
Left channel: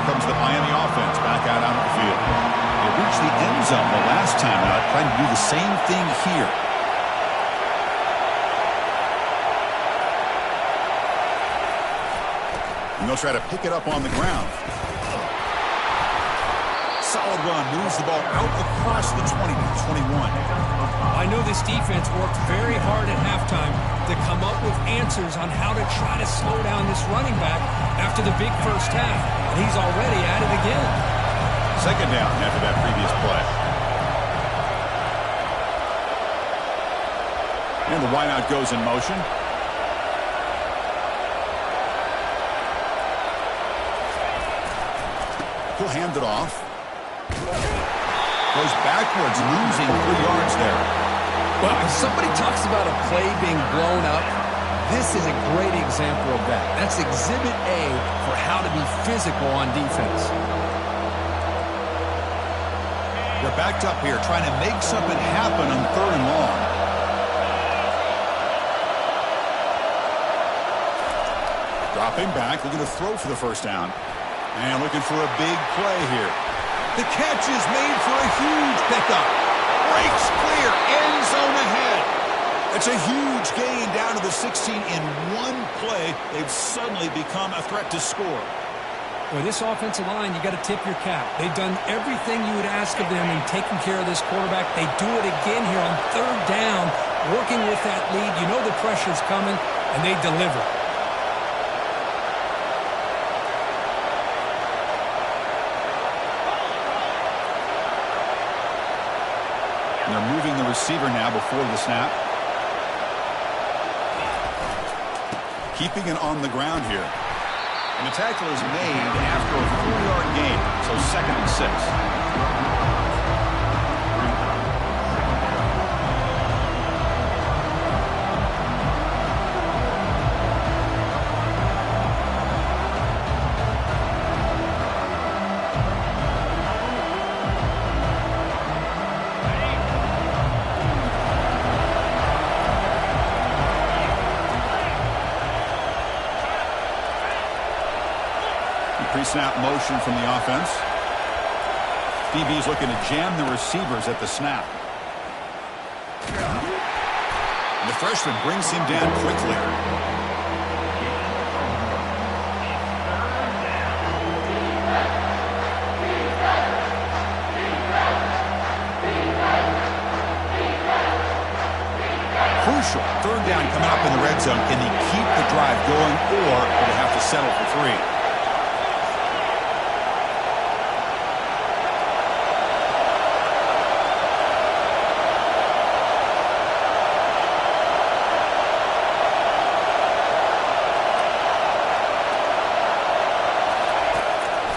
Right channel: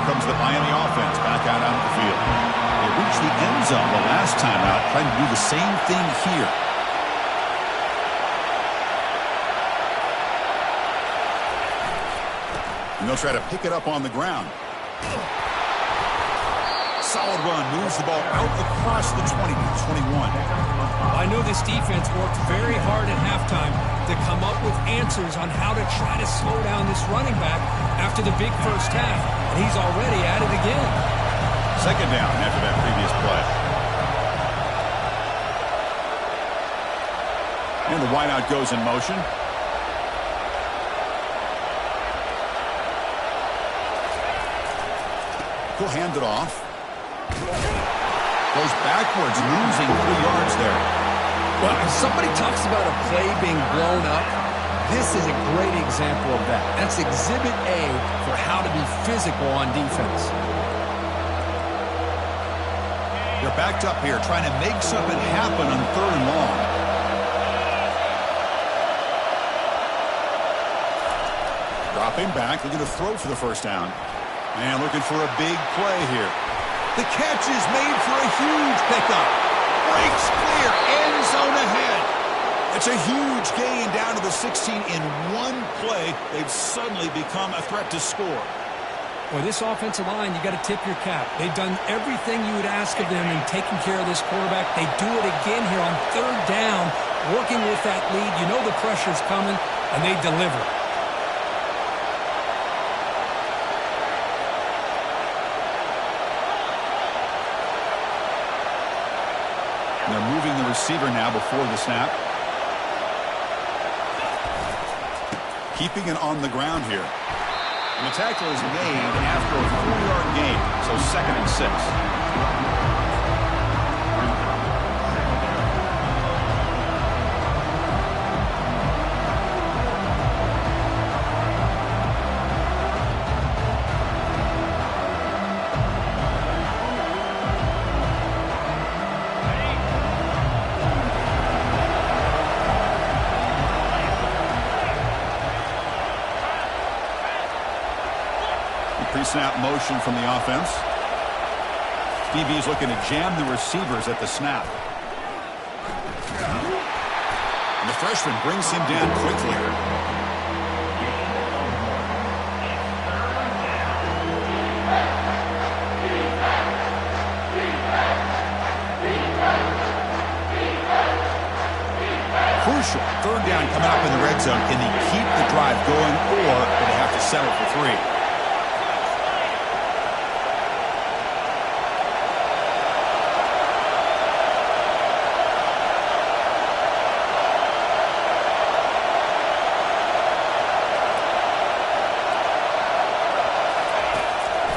Comes the Miami offense back out onto the field. They reached the end zone the last time out, trying to do the same thing here. And they'll try to pick it up on the ground. Solid run, moves the ball out across the 20 to 21. I know this defense worked very hard at halftime to come up with answers on how to try to slow down this running back after the big first half, and he's already at it again. Second down after that previous play. And the wideout goes in motion. He'll hand it off. Goes backwards, losing 3 yards there. Well, if somebody talks about a play being blown up, this is a great example of that. That's Exhibit A for how to be physical on defense. They're backed up here, trying to make something happen on 3rd and long. Dropping back, looking to throw for the first down. And looking for a big play here. The catch is made for a huge pickup. Breaks clear, end zone ahead. It's a huge gain down to the 16 in one play. They've suddenly become a threat to score. Boy, this offensive line, you got to tip your cap. They've done everything you would ask of them in taking care of this quarterback. They do it again here on third down, working with that lead. You know the pressure's coming, and they deliver. And they're moving the receiver now before the snap. Keeping it on the ground here. And the tackle is made after a 4-yard gain, so 2nd and 6. Pre-snap motion from the offense. DB's looking to jam the receivers at the snap. And the freshman brings him down quickly. Crucial. Third down coming up in the red zone. Can they keep the drive going, or do they have to settle for 3?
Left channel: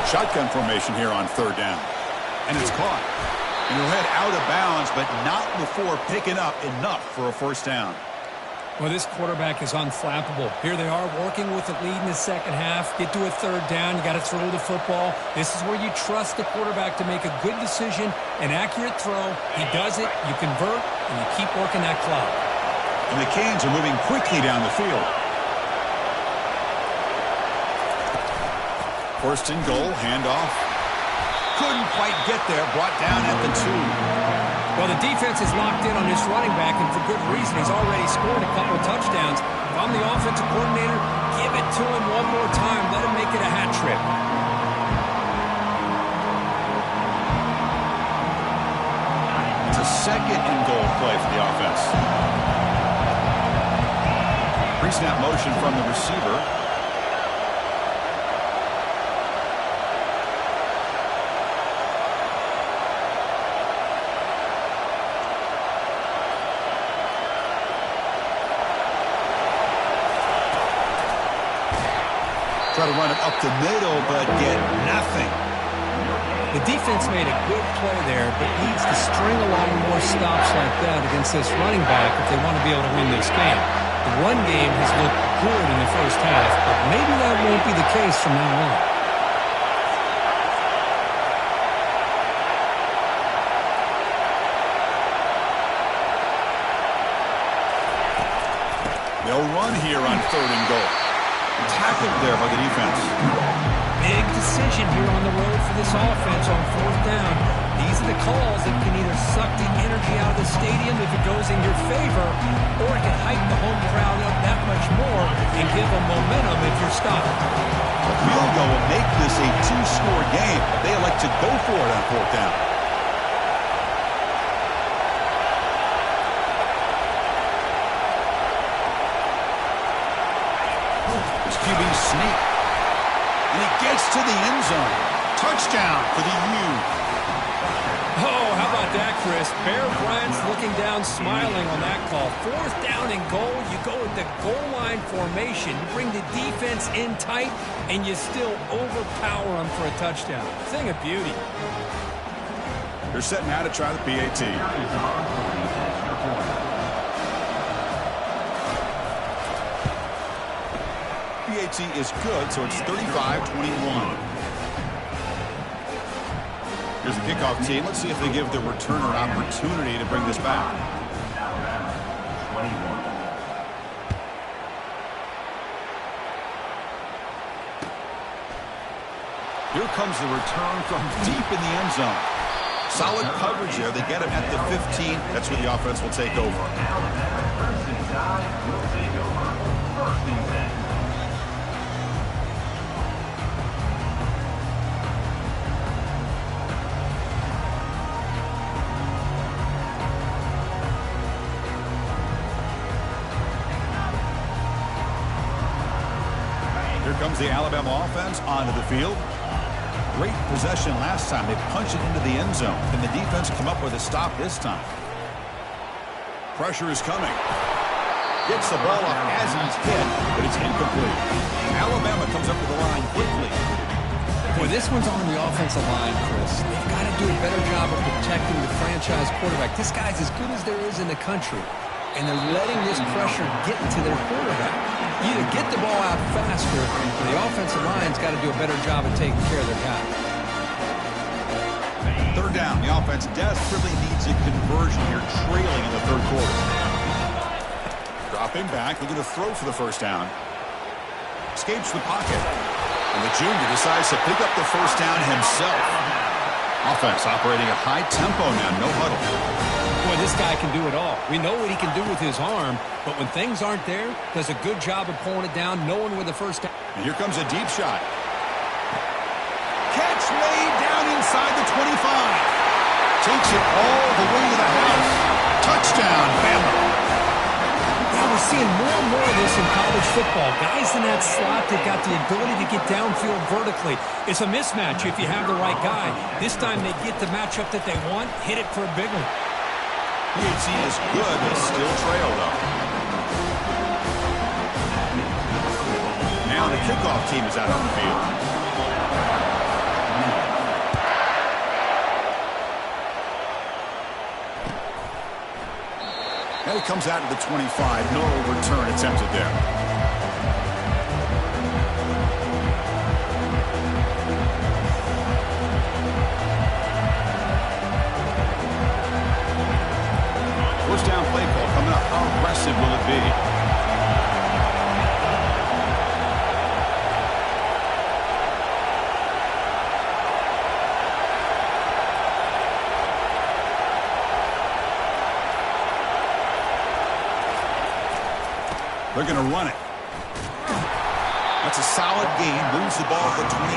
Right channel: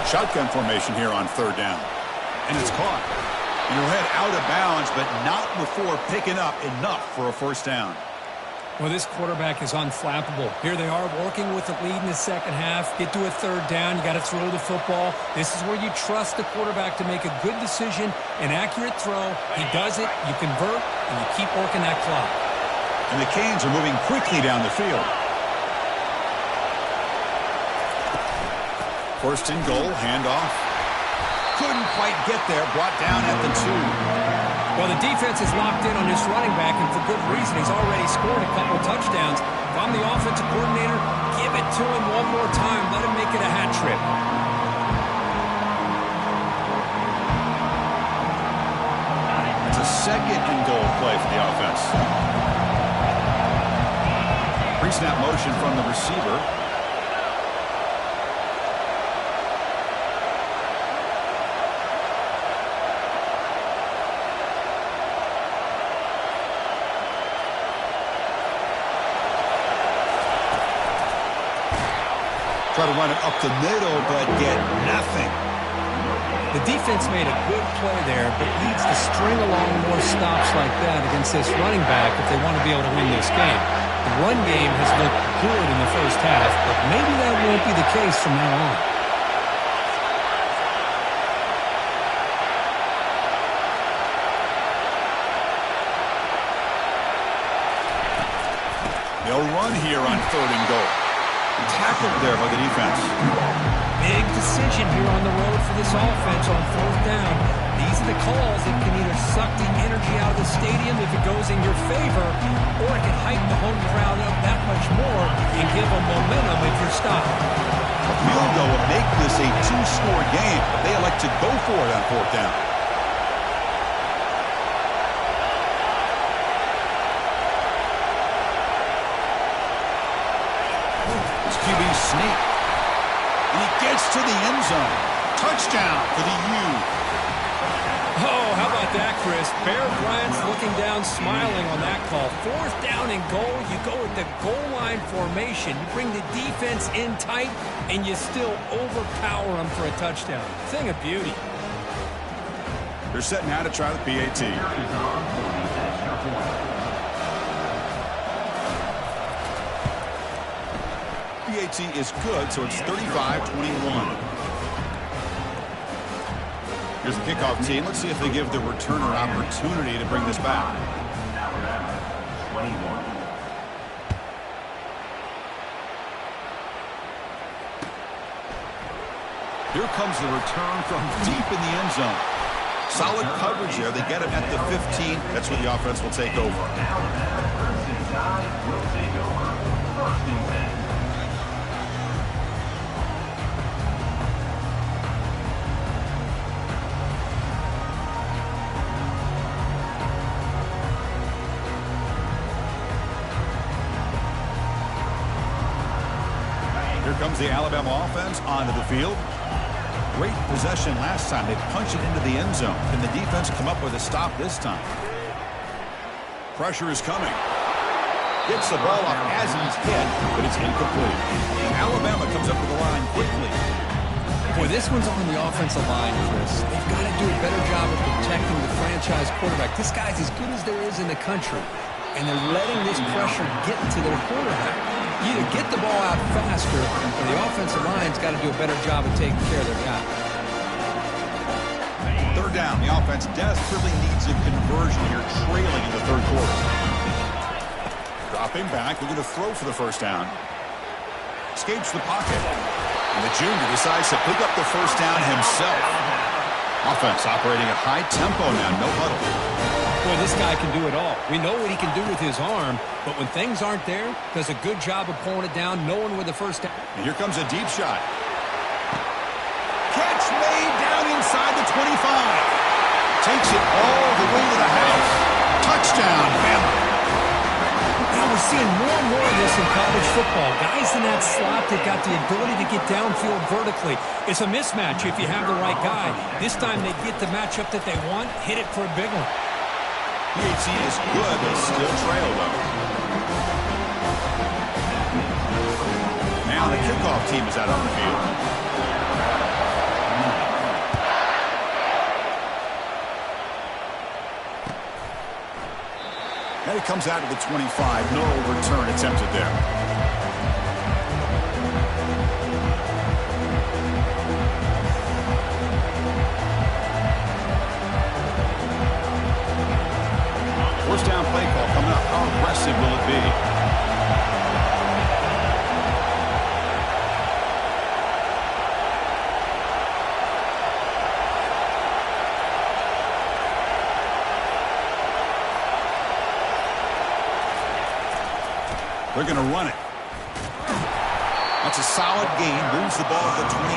Shotgun formation here on third down. And it's caught. And he'll head out of bounds, but not before picking up enough for a first down. Well, this quarterback is unflappable. Here they are working with the lead in the second half. Get to a third down. You got to throw the football. This is where you trust the quarterback to make a good decision, an accurate throw. He does it, you convert, and you keep working that clock. And the Canes are moving quickly down the field. First and goal, handoff. Couldn't quite get there, brought down at the 2. Well, the defense is locked in on this running back, and for good reason. He's already scored a couple touchdowns. If I'm the offensive coordinator, give it to him one more time. Let him make it a hat trick. It's a second and goal play for the offense. Pre-snap motion from the receiver. Try to run it up the middle, but get nothing. The defense made a good play there, but needs to string along more stops like that against this running back if they want to be able to win this game. The run game has looked good in the first half, but maybe that won't be the case from now on. They'll run here on third and goal. Tackled there by the defense. Big decision here on the road for this offense on fourth down. These are the calls that can either suck the energy out of the stadium if it goes in your favor, or it can hype the home crowd up that much more and give them momentum if you're stopped. A field goal will make this a 2-score game, but they elect to go for it on fourth down. QB sneak. And he gets to the end zone. Touchdown for the U. Oh, how about that, Chris? Bear Bryant's looking down, smiling on that call. Fourth down and goal. You go with the goal line formation. You bring the defense in tight, and you still overpower them for a touchdown. Thing of beauty. They're setting out to try the PAT. PAT is good, so it's 35-21. Here's the kickoff team. Let's see if they give the returner an opportunity to bring this back. Here comes the return from deep in the end zone. Solid coverage there. They get him at the 15. That's where the offense will take over. First and 10 will take over. First and 10. Here comes the Alabama offense onto the field. Great possession last time. They punch it into the end zone. Can the defense come up with a stop this time? Pressure is coming. Gets the ball off as he's hit, but it's incomplete. Alabama comes up to the line quickly. Boy, this one's on the offensive line, Chris. They've got to do a better job of protecting the franchise quarterback. This guy's as good as there is in the country, and they're letting this pressure get to their quarterback. Either get the ball out faster, or the offensive line's got to do a better job of taking care of their guy. Third down. The offense desperately needs a conversion here, trailing in the third quarter. Dropping back, looking to throw for the first down. Escapes the pocket. And the junior decides to pick up the first down himself. Offense operating at high tempo now, no huddle. Boy, this guy can do it all. We know what he can do with his arm, but when things aren't there, does a good job of pulling it down, knowing where the first down. And here comes a deep shot. Catch made down inside the 25. Takes it all the way to the house. Touchdown, Bama. Yeah, we're seeing more and more of this in college football. Guys in that slot that got the ability to get downfield vertically. It's a mismatch if you have the right guy. This time they get the matchup that they want, hit it for a big one. PHC is good, they still trail, though. Now the kickoff team is out on the field. And it comes out of the 25. No return attempted there. First down play call coming up. How aggressive will it be? They're going to run it. That's a solid gain. Moves the ball to the 29.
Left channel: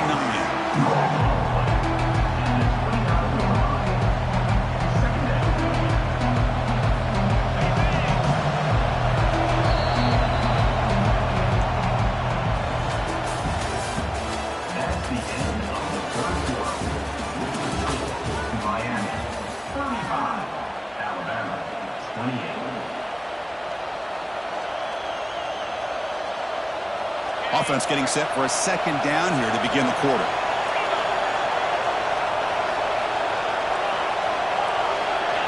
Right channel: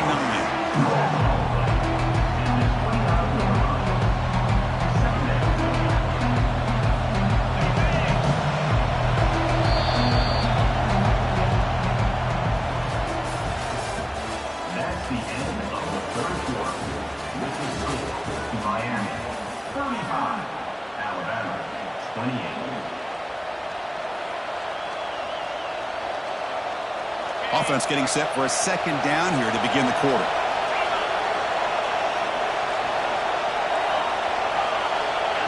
Offense getting set for a second down here to begin the quarter.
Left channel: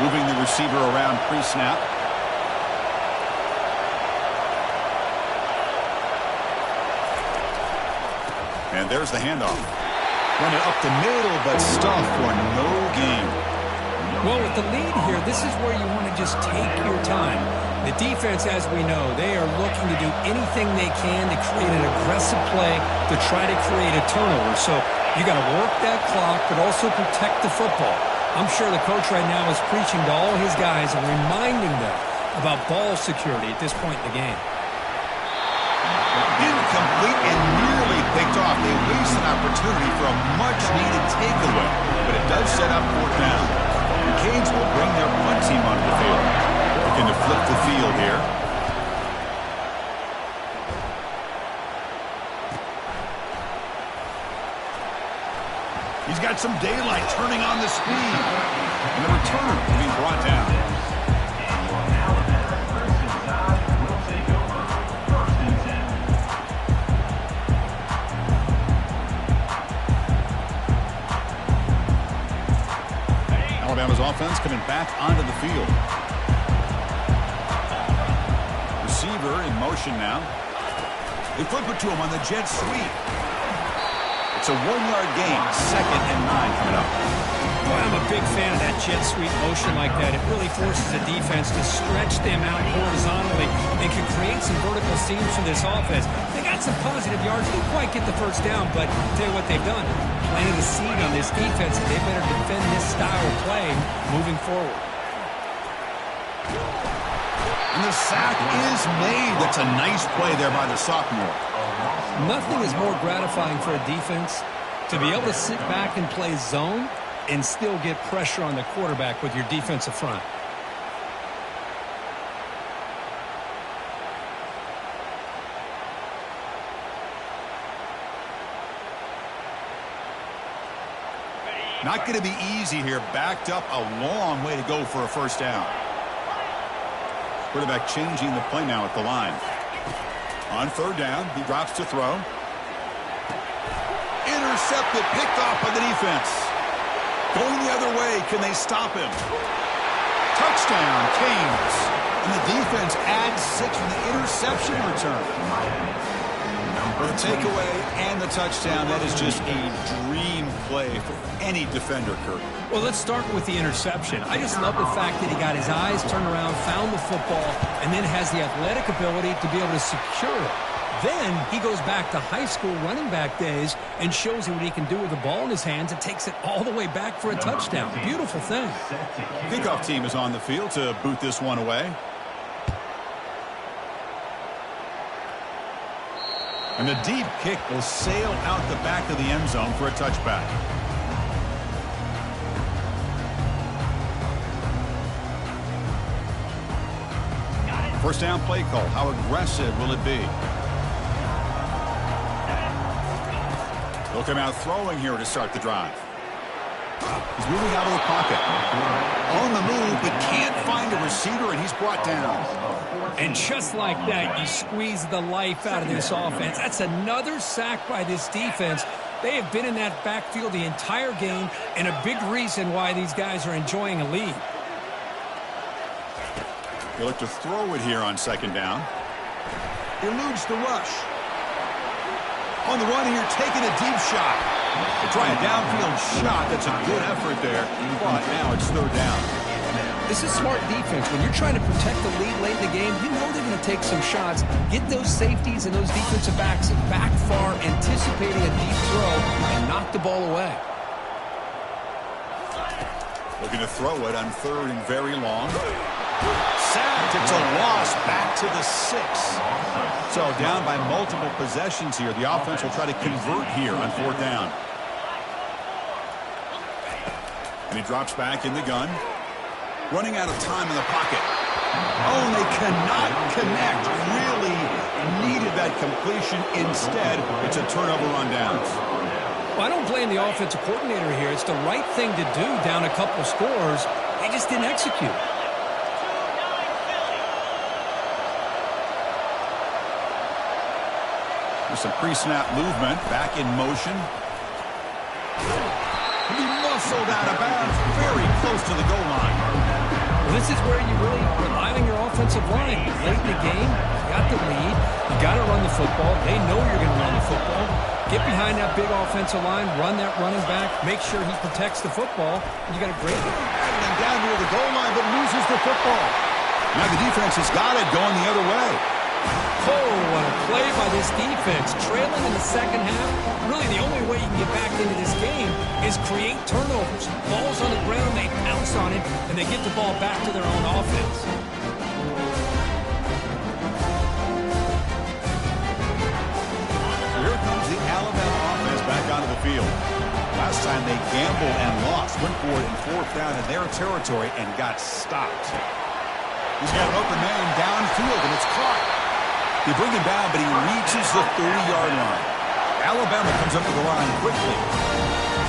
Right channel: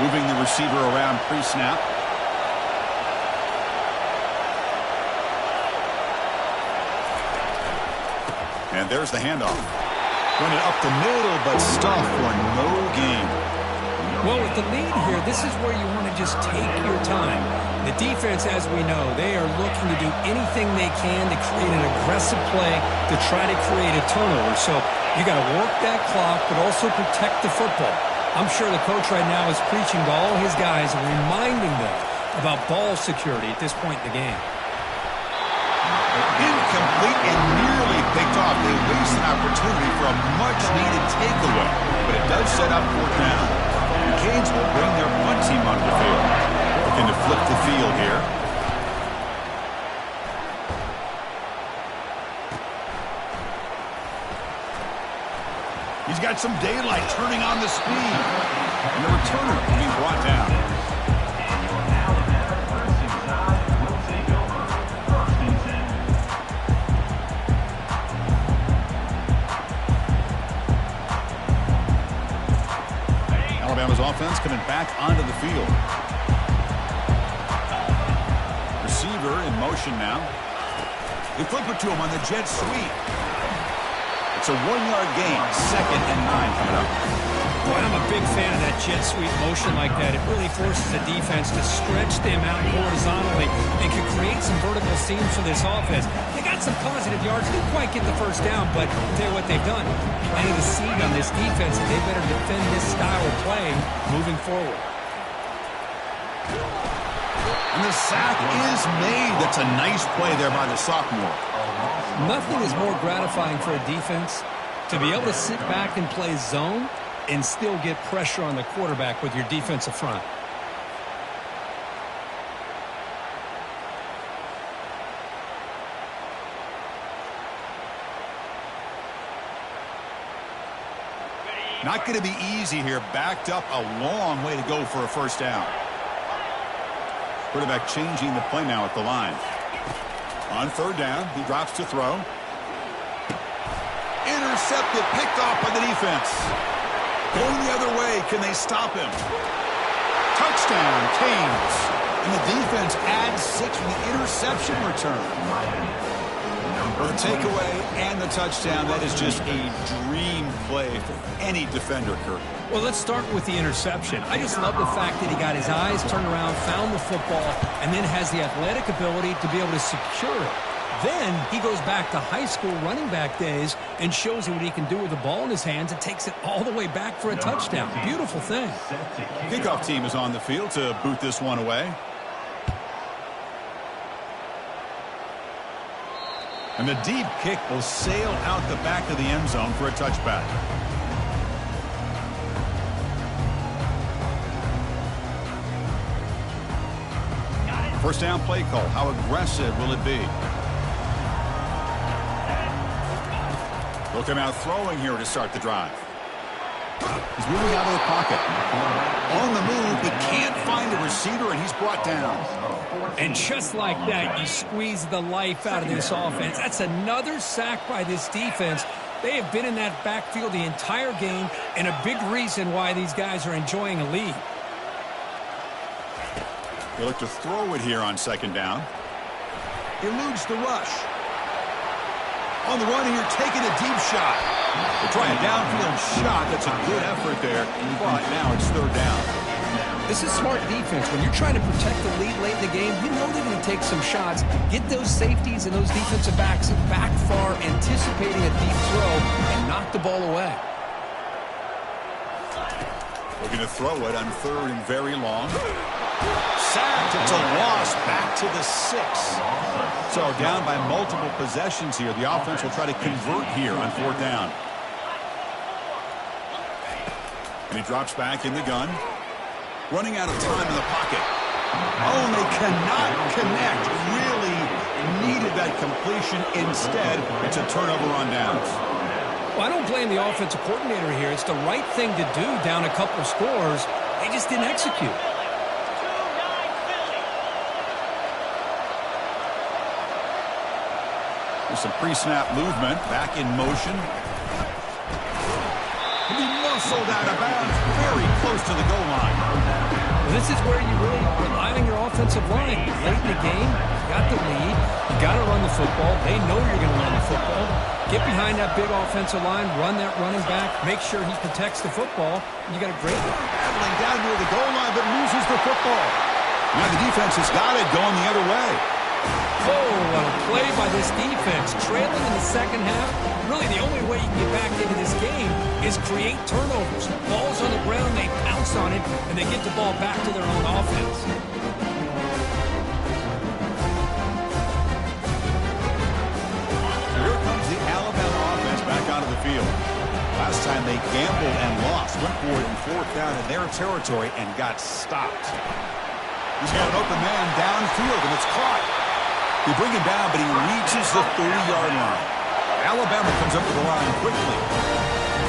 Moving the receiver around pre-snap. And there's the handoff. Run it up the middle, but stuff for no gain. Well, with the lead here, this is where you want to just take your time. The defense, as we know, they are looking to do anything they can to create an aggressive play to try to create a turnover. So you got to work that clock, but also protect the football. I'm sure the coach right now is preaching to all his guys and reminding them about ball security at this point in the game. Incomplete and nearly picked off. They waste an opportunity for a much-needed takeaway, but it does set up fourth down. The Canes will bring their punt team onto the field. Looking to flip the field here. He's got some daylight turning on the speed. And the returner being brought down. Alabama's offense coming back onto the field. Receiver in motion now. They flip it to him on the jet sweep. It's a 1-yard gain. 2nd and 9 coming up. Boy, I'm a big fan of that jet sweep motion like that. It really forces a defense to stretch them out horizontally and can create some vertical seams for this offense. They got some positive yards. Didn't quite get the first down, but I'll tell you what they've done. Planted a seed on this defense, and they better defend this style of play moving forward. And the sack is made. That's a nice play there by the sophomore. Nothing is more gratifying for a defense to be able to sit back and play zone and still get pressure on the quarterback with your defensive front. Not going to be easy here. Backed up a long way to go for a first down. Quarterback changing the play now at the line. On third down, he drops to throw. Intercepted, picked off by the defense. Going the other way, can they stop him? Touchdown, Canes. And the defense adds 6 from the interception return. The takeaway and the touchdown, that is just a dream play for any defender, Kurt. Well, let's start with the interception. I just love the fact that he got his eyes turned around, found the football, and then has the athletic ability to be able to secure it. Then he goes back to high school running back days and shows you what he can do with the ball in his hands and takes it all the way back for a touchdown. Beautiful thing. Kickoff team is on the field to boot this one away. And the deep kick will sail out the back of the end zone for a touchback. First down play call. How aggressive will it be? They'll come out throwing here to start the drive. He's moving out of the pocket. On the move, but can't find a receiver, and he's brought down. And just like that, you squeeze the life out of this offense. That's another sack by this defense. They have been in that backfield the entire game, and a big reason why these guys are enjoying a lead. They look to throw it here on second down. Eludes the rush. On the run here, taking a deep shot. They try a downfield shot. That's a good effort there. But now it's third down. This is smart defense. When you're trying to protect the lead late in the game, you know they're going to take some shots. Get those safeties and those defensive backs back far, anticipating a deep throw, and knock the ball away. Looking to throw it on third and very long. Sacked. It's a loss back to the 6. So down by multiple possessions here. The offense will try to convert here on fourth down. And he drops back in the gun. Running out of time in the pocket. Oh, and they cannot connect. Really needed that completion. Instead, it's a turnover on downs. Well, I don't blame the offensive coordinator here. It's the right thing to do down a couple scores. They just didn't execute. There's some pre-snap movement. Back in motion. He muscled out of bounds very close to the goal line. Well, this is where you really rely on your offensive line. Late in the game, you got the lead. You got to run the football. They know you're going to run the football. Get behind that big offensive line, run that running back, make sure he protects the football, and you got a great one. Battling down near the goal line, but loses the football. Now the defense has got it going the other way. Oh, what a play by this defense. Trailing in the second half. Really, the only way you can get back into this game is create turnovers. Ball's on the ground, they pounce on it, and they get the ball back to their own offense. So here comes the Alabama offense back onto the field. Last time they gambled and lost. Went for it in fourth down in their territory and got stopped. He's got an open man downfield, and it's caught. They bring him down, but he reaches the 30-yard line. Alabama comes up with the line quickly.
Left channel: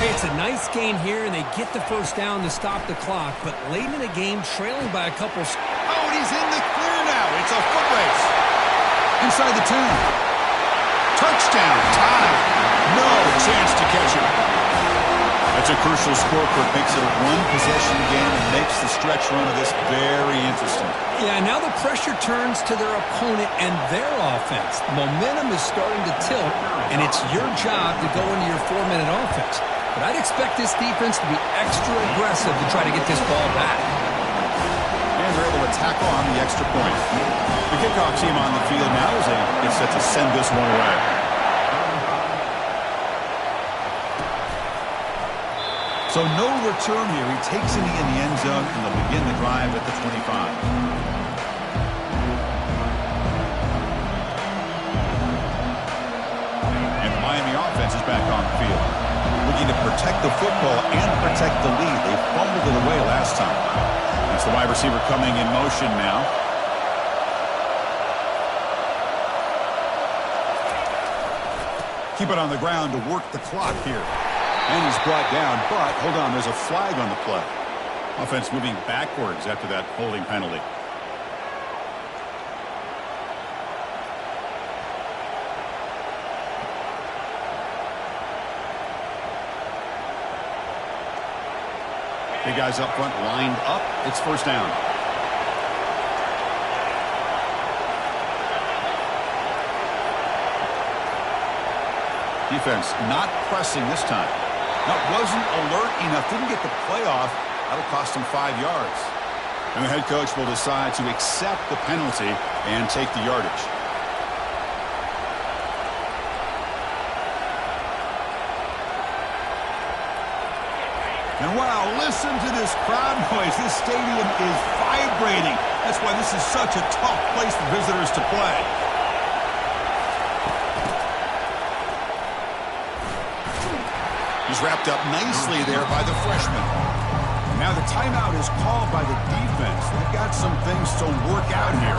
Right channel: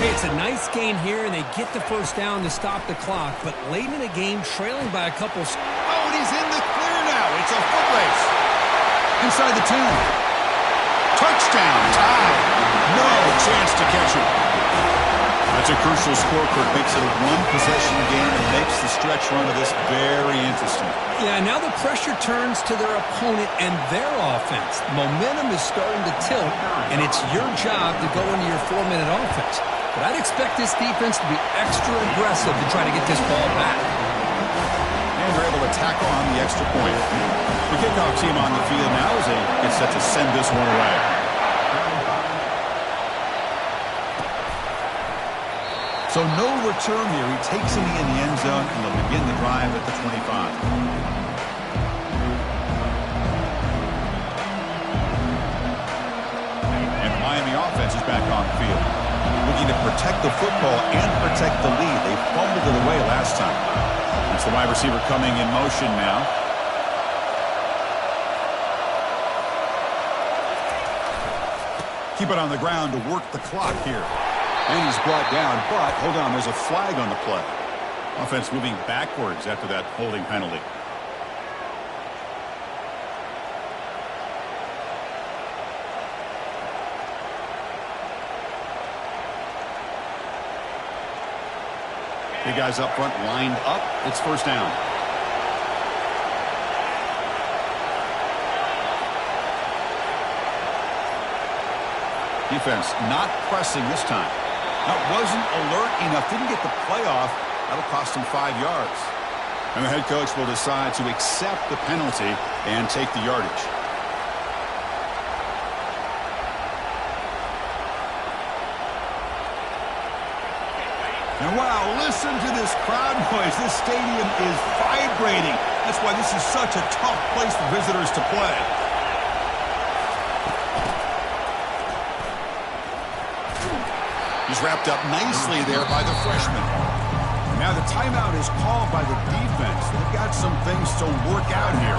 Hey, it's a nice gain here, and they get the first down to stop the clock. But late in the game, trailing by a couple. Oh, and he's in the clear now. It's a foot race. Inside the 10. Touchdown, tie. No chance to catch it. That's a crucial score, Kurt. Makes it a one-possession game and makes the stretch run of this very interesting. Yeah, now the pressure turns to their opponent and their offense. Momentum is starting to tilt, and it's your job to go into your 4-minute offense. but I'd expect this defense to be extra aggressive to try to get this ball back. And they're able to tackle on the extra point. The kickoff team on the field now as they get set to send this one away. So no return here. He takes it in the end zone, and they'll begin the drive at the 25. And the Miami offense is back on the field, looking to protect the football and protect the lead. They fumbled it away last time. It's the wide receiver coming in motion now. Keep it on the ground to work the clock here. And he's brought down, but hold on, there's a flag on the play. Offense moving backwards after that holding penalty. Big guys up front lined up. It's first down. Defense not pressing this time. Now, wasn't alert enough. Didn't get the play off. That'll cost him 5 yards. And the head coach will decide to accept the penalty and take the yardage. And wow, listen to this crowd noise. This stadium is vibrating. That's why this is such a tough place for visitors to play. He's wrapped up nicely there by the freshman. Now the timeout is called by the defense. They've got some things to work out here.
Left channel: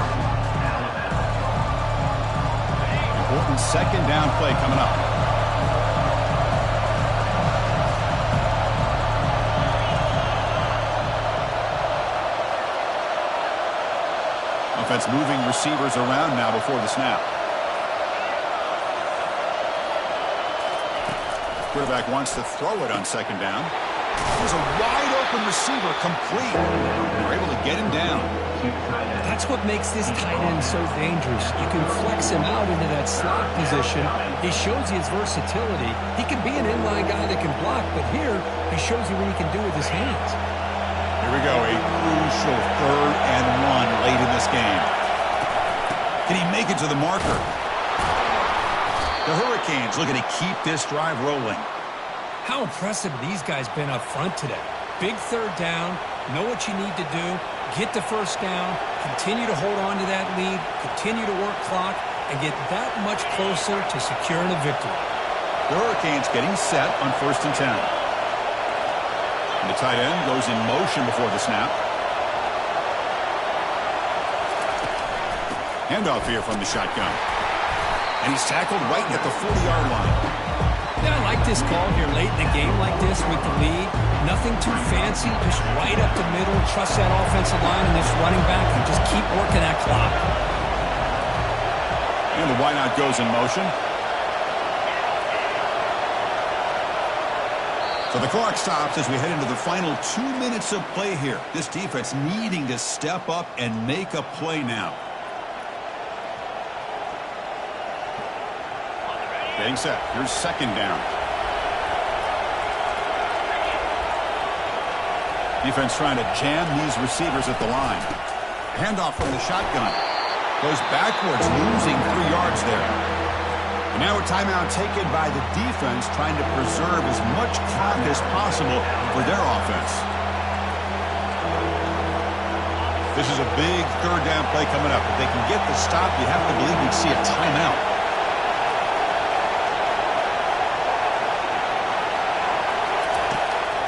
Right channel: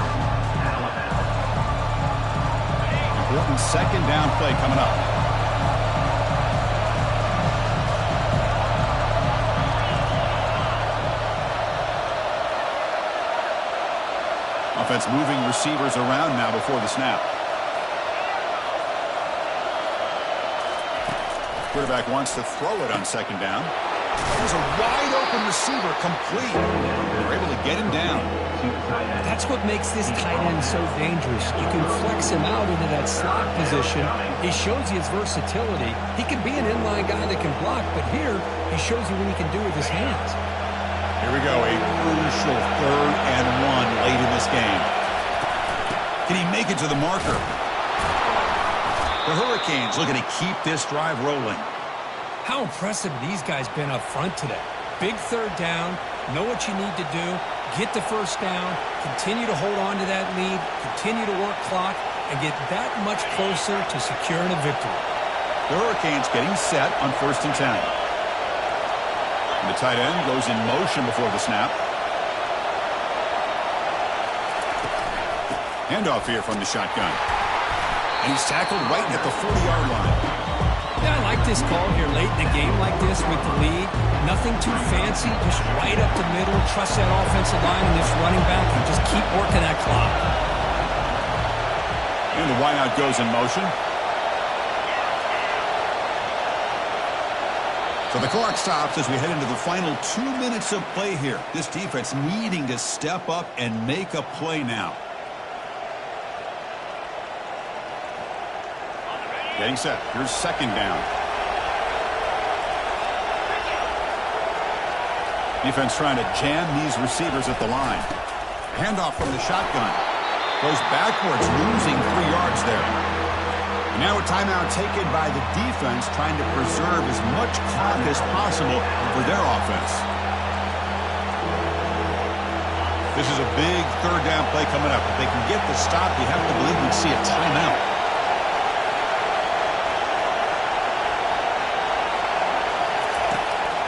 Important second down play coming up. Offense moving receivers around now before the snap. Quarterback wants to throw it on second down. There's a wide open receiver complete. They're able to get him down. That's what makes this tight end so dangerous. You can flex him out into that slot position. He shows you his versatility. He can be an inline guy that can block, but here he shows you what he can do with his hands. Here we go, a crucial 3rd and 1 late in this game. Can he make it to the marker? The Hurricanes looking to keep this drive rolling. How impressive these guys been up front today. Big 3rd down, know what you need to do, get the first down, continue to hold on to that lead, continue to work clock, and get that much closer to securing a victory. The Hurricanes getting set on 1st and 10. And the tight end goes in motion before the snap. Handoff here from the shotgun. And he's tackled right at the 40-yard line. Yeah, I like this call here late in a game like this with the lead. Nothing too fancy, just right up the middle. Trust that offensive line and this running back and just keep working that clock. And the wideout goes in motion. So the clock stops as we head into the final 2 minutes of play here. This defense needing to step up and make a play now. Getting set. Here's second down. Defense trying to jam these receivers at the line. Handoff from the shotgun. Goes backwards, losing 3 yards there. And now a timeout taken by the defense, trying to preserve as much clock as possible for their offense. This is a big 3rd down play coming up. If they can get the stop, you have to believe we'd see a timeout.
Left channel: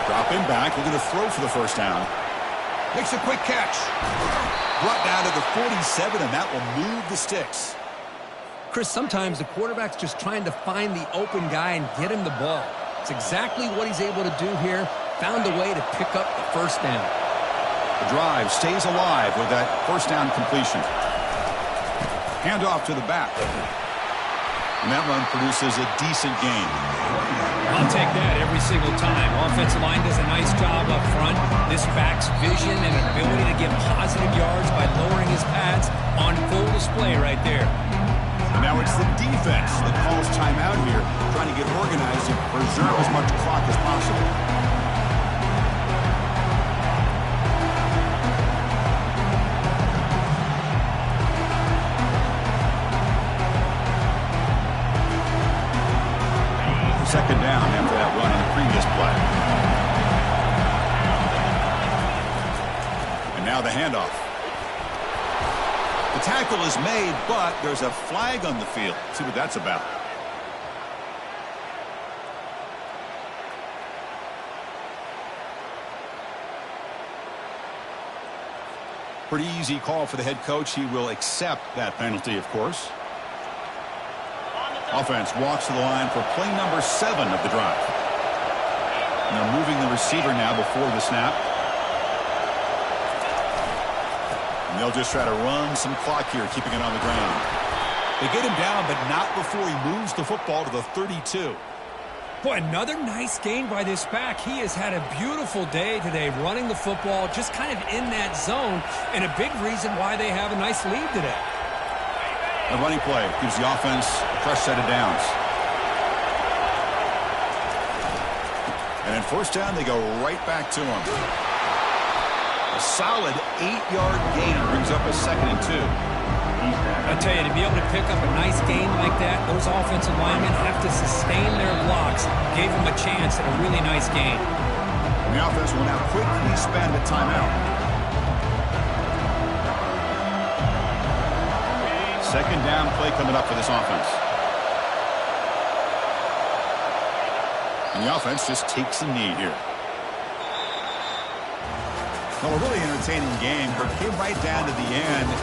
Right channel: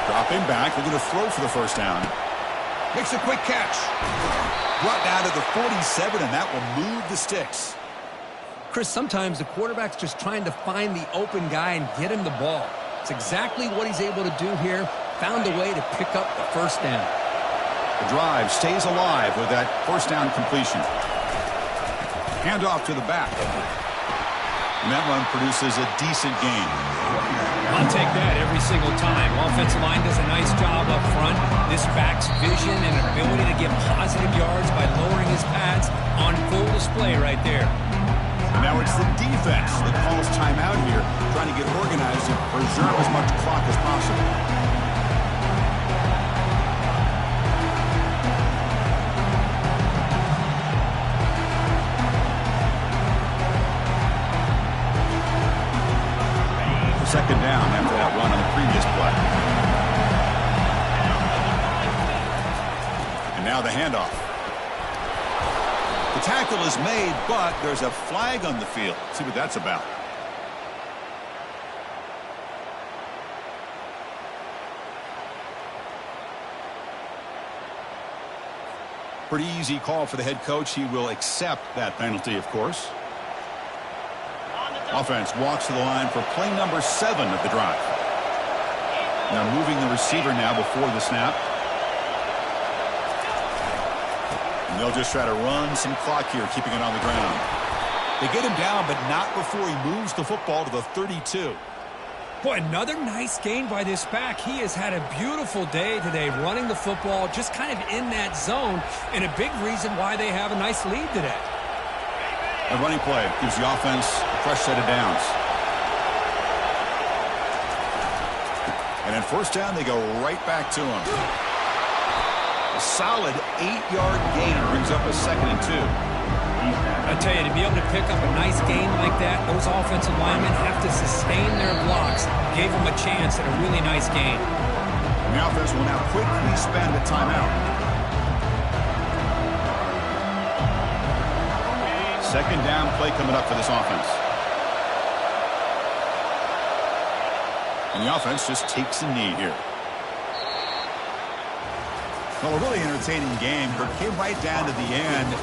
Dropping back, looking to throw for the first down. Makes a quick catch. Brought down to the 47, and that will move the sticks. Chris, sometimes the quarterback's just trying to find the open guy and get him the ball. It's exactly what he's able to do here. Found a way to pick up the first down. The drive stays alive with that first down completion. Handoff to the back. And that run produces a decent gain. I'll take that every single time. Offensive line does a nice job up front. This back's vision and ability to get positive yards by lowering his pads on full display right there. And now it's the defense that calls timeout here, trying to get organized and preserve as much clock as possible. Second down after that run on the previous play. And now the handoff. The tackle is made, but there's a flag on the field. Let's see what that's about. Pretty easy call for the head coach. He will accept that penalty, of course. Offense walks to the line for play number 7 of the drive. And they're moving the receiver now before the snap. And they'll just try to run some clock here, keeping it on the ground. They get him down, but not before he moves the football to the 32. Boy, another nice gain by this back. He has had a beautiful day today running the football, just kind of in that zone, and a big reason why they have a nice lead today. A running play gives the offense a fresh set of downs. And in first down, they go right back to him. A solid 8-yard gain brings up a 2nd and 2. I tell you, to be able to pick up a nice gain like that, those offensive linemen have to sustain their blocks. Gave them a chance at a really nice gain. And the offense will now quickly spend a timeout. Second down play coming up for this offense. And the offense just takes a knee here. Well, a really entertaining game, but it came right down to the end.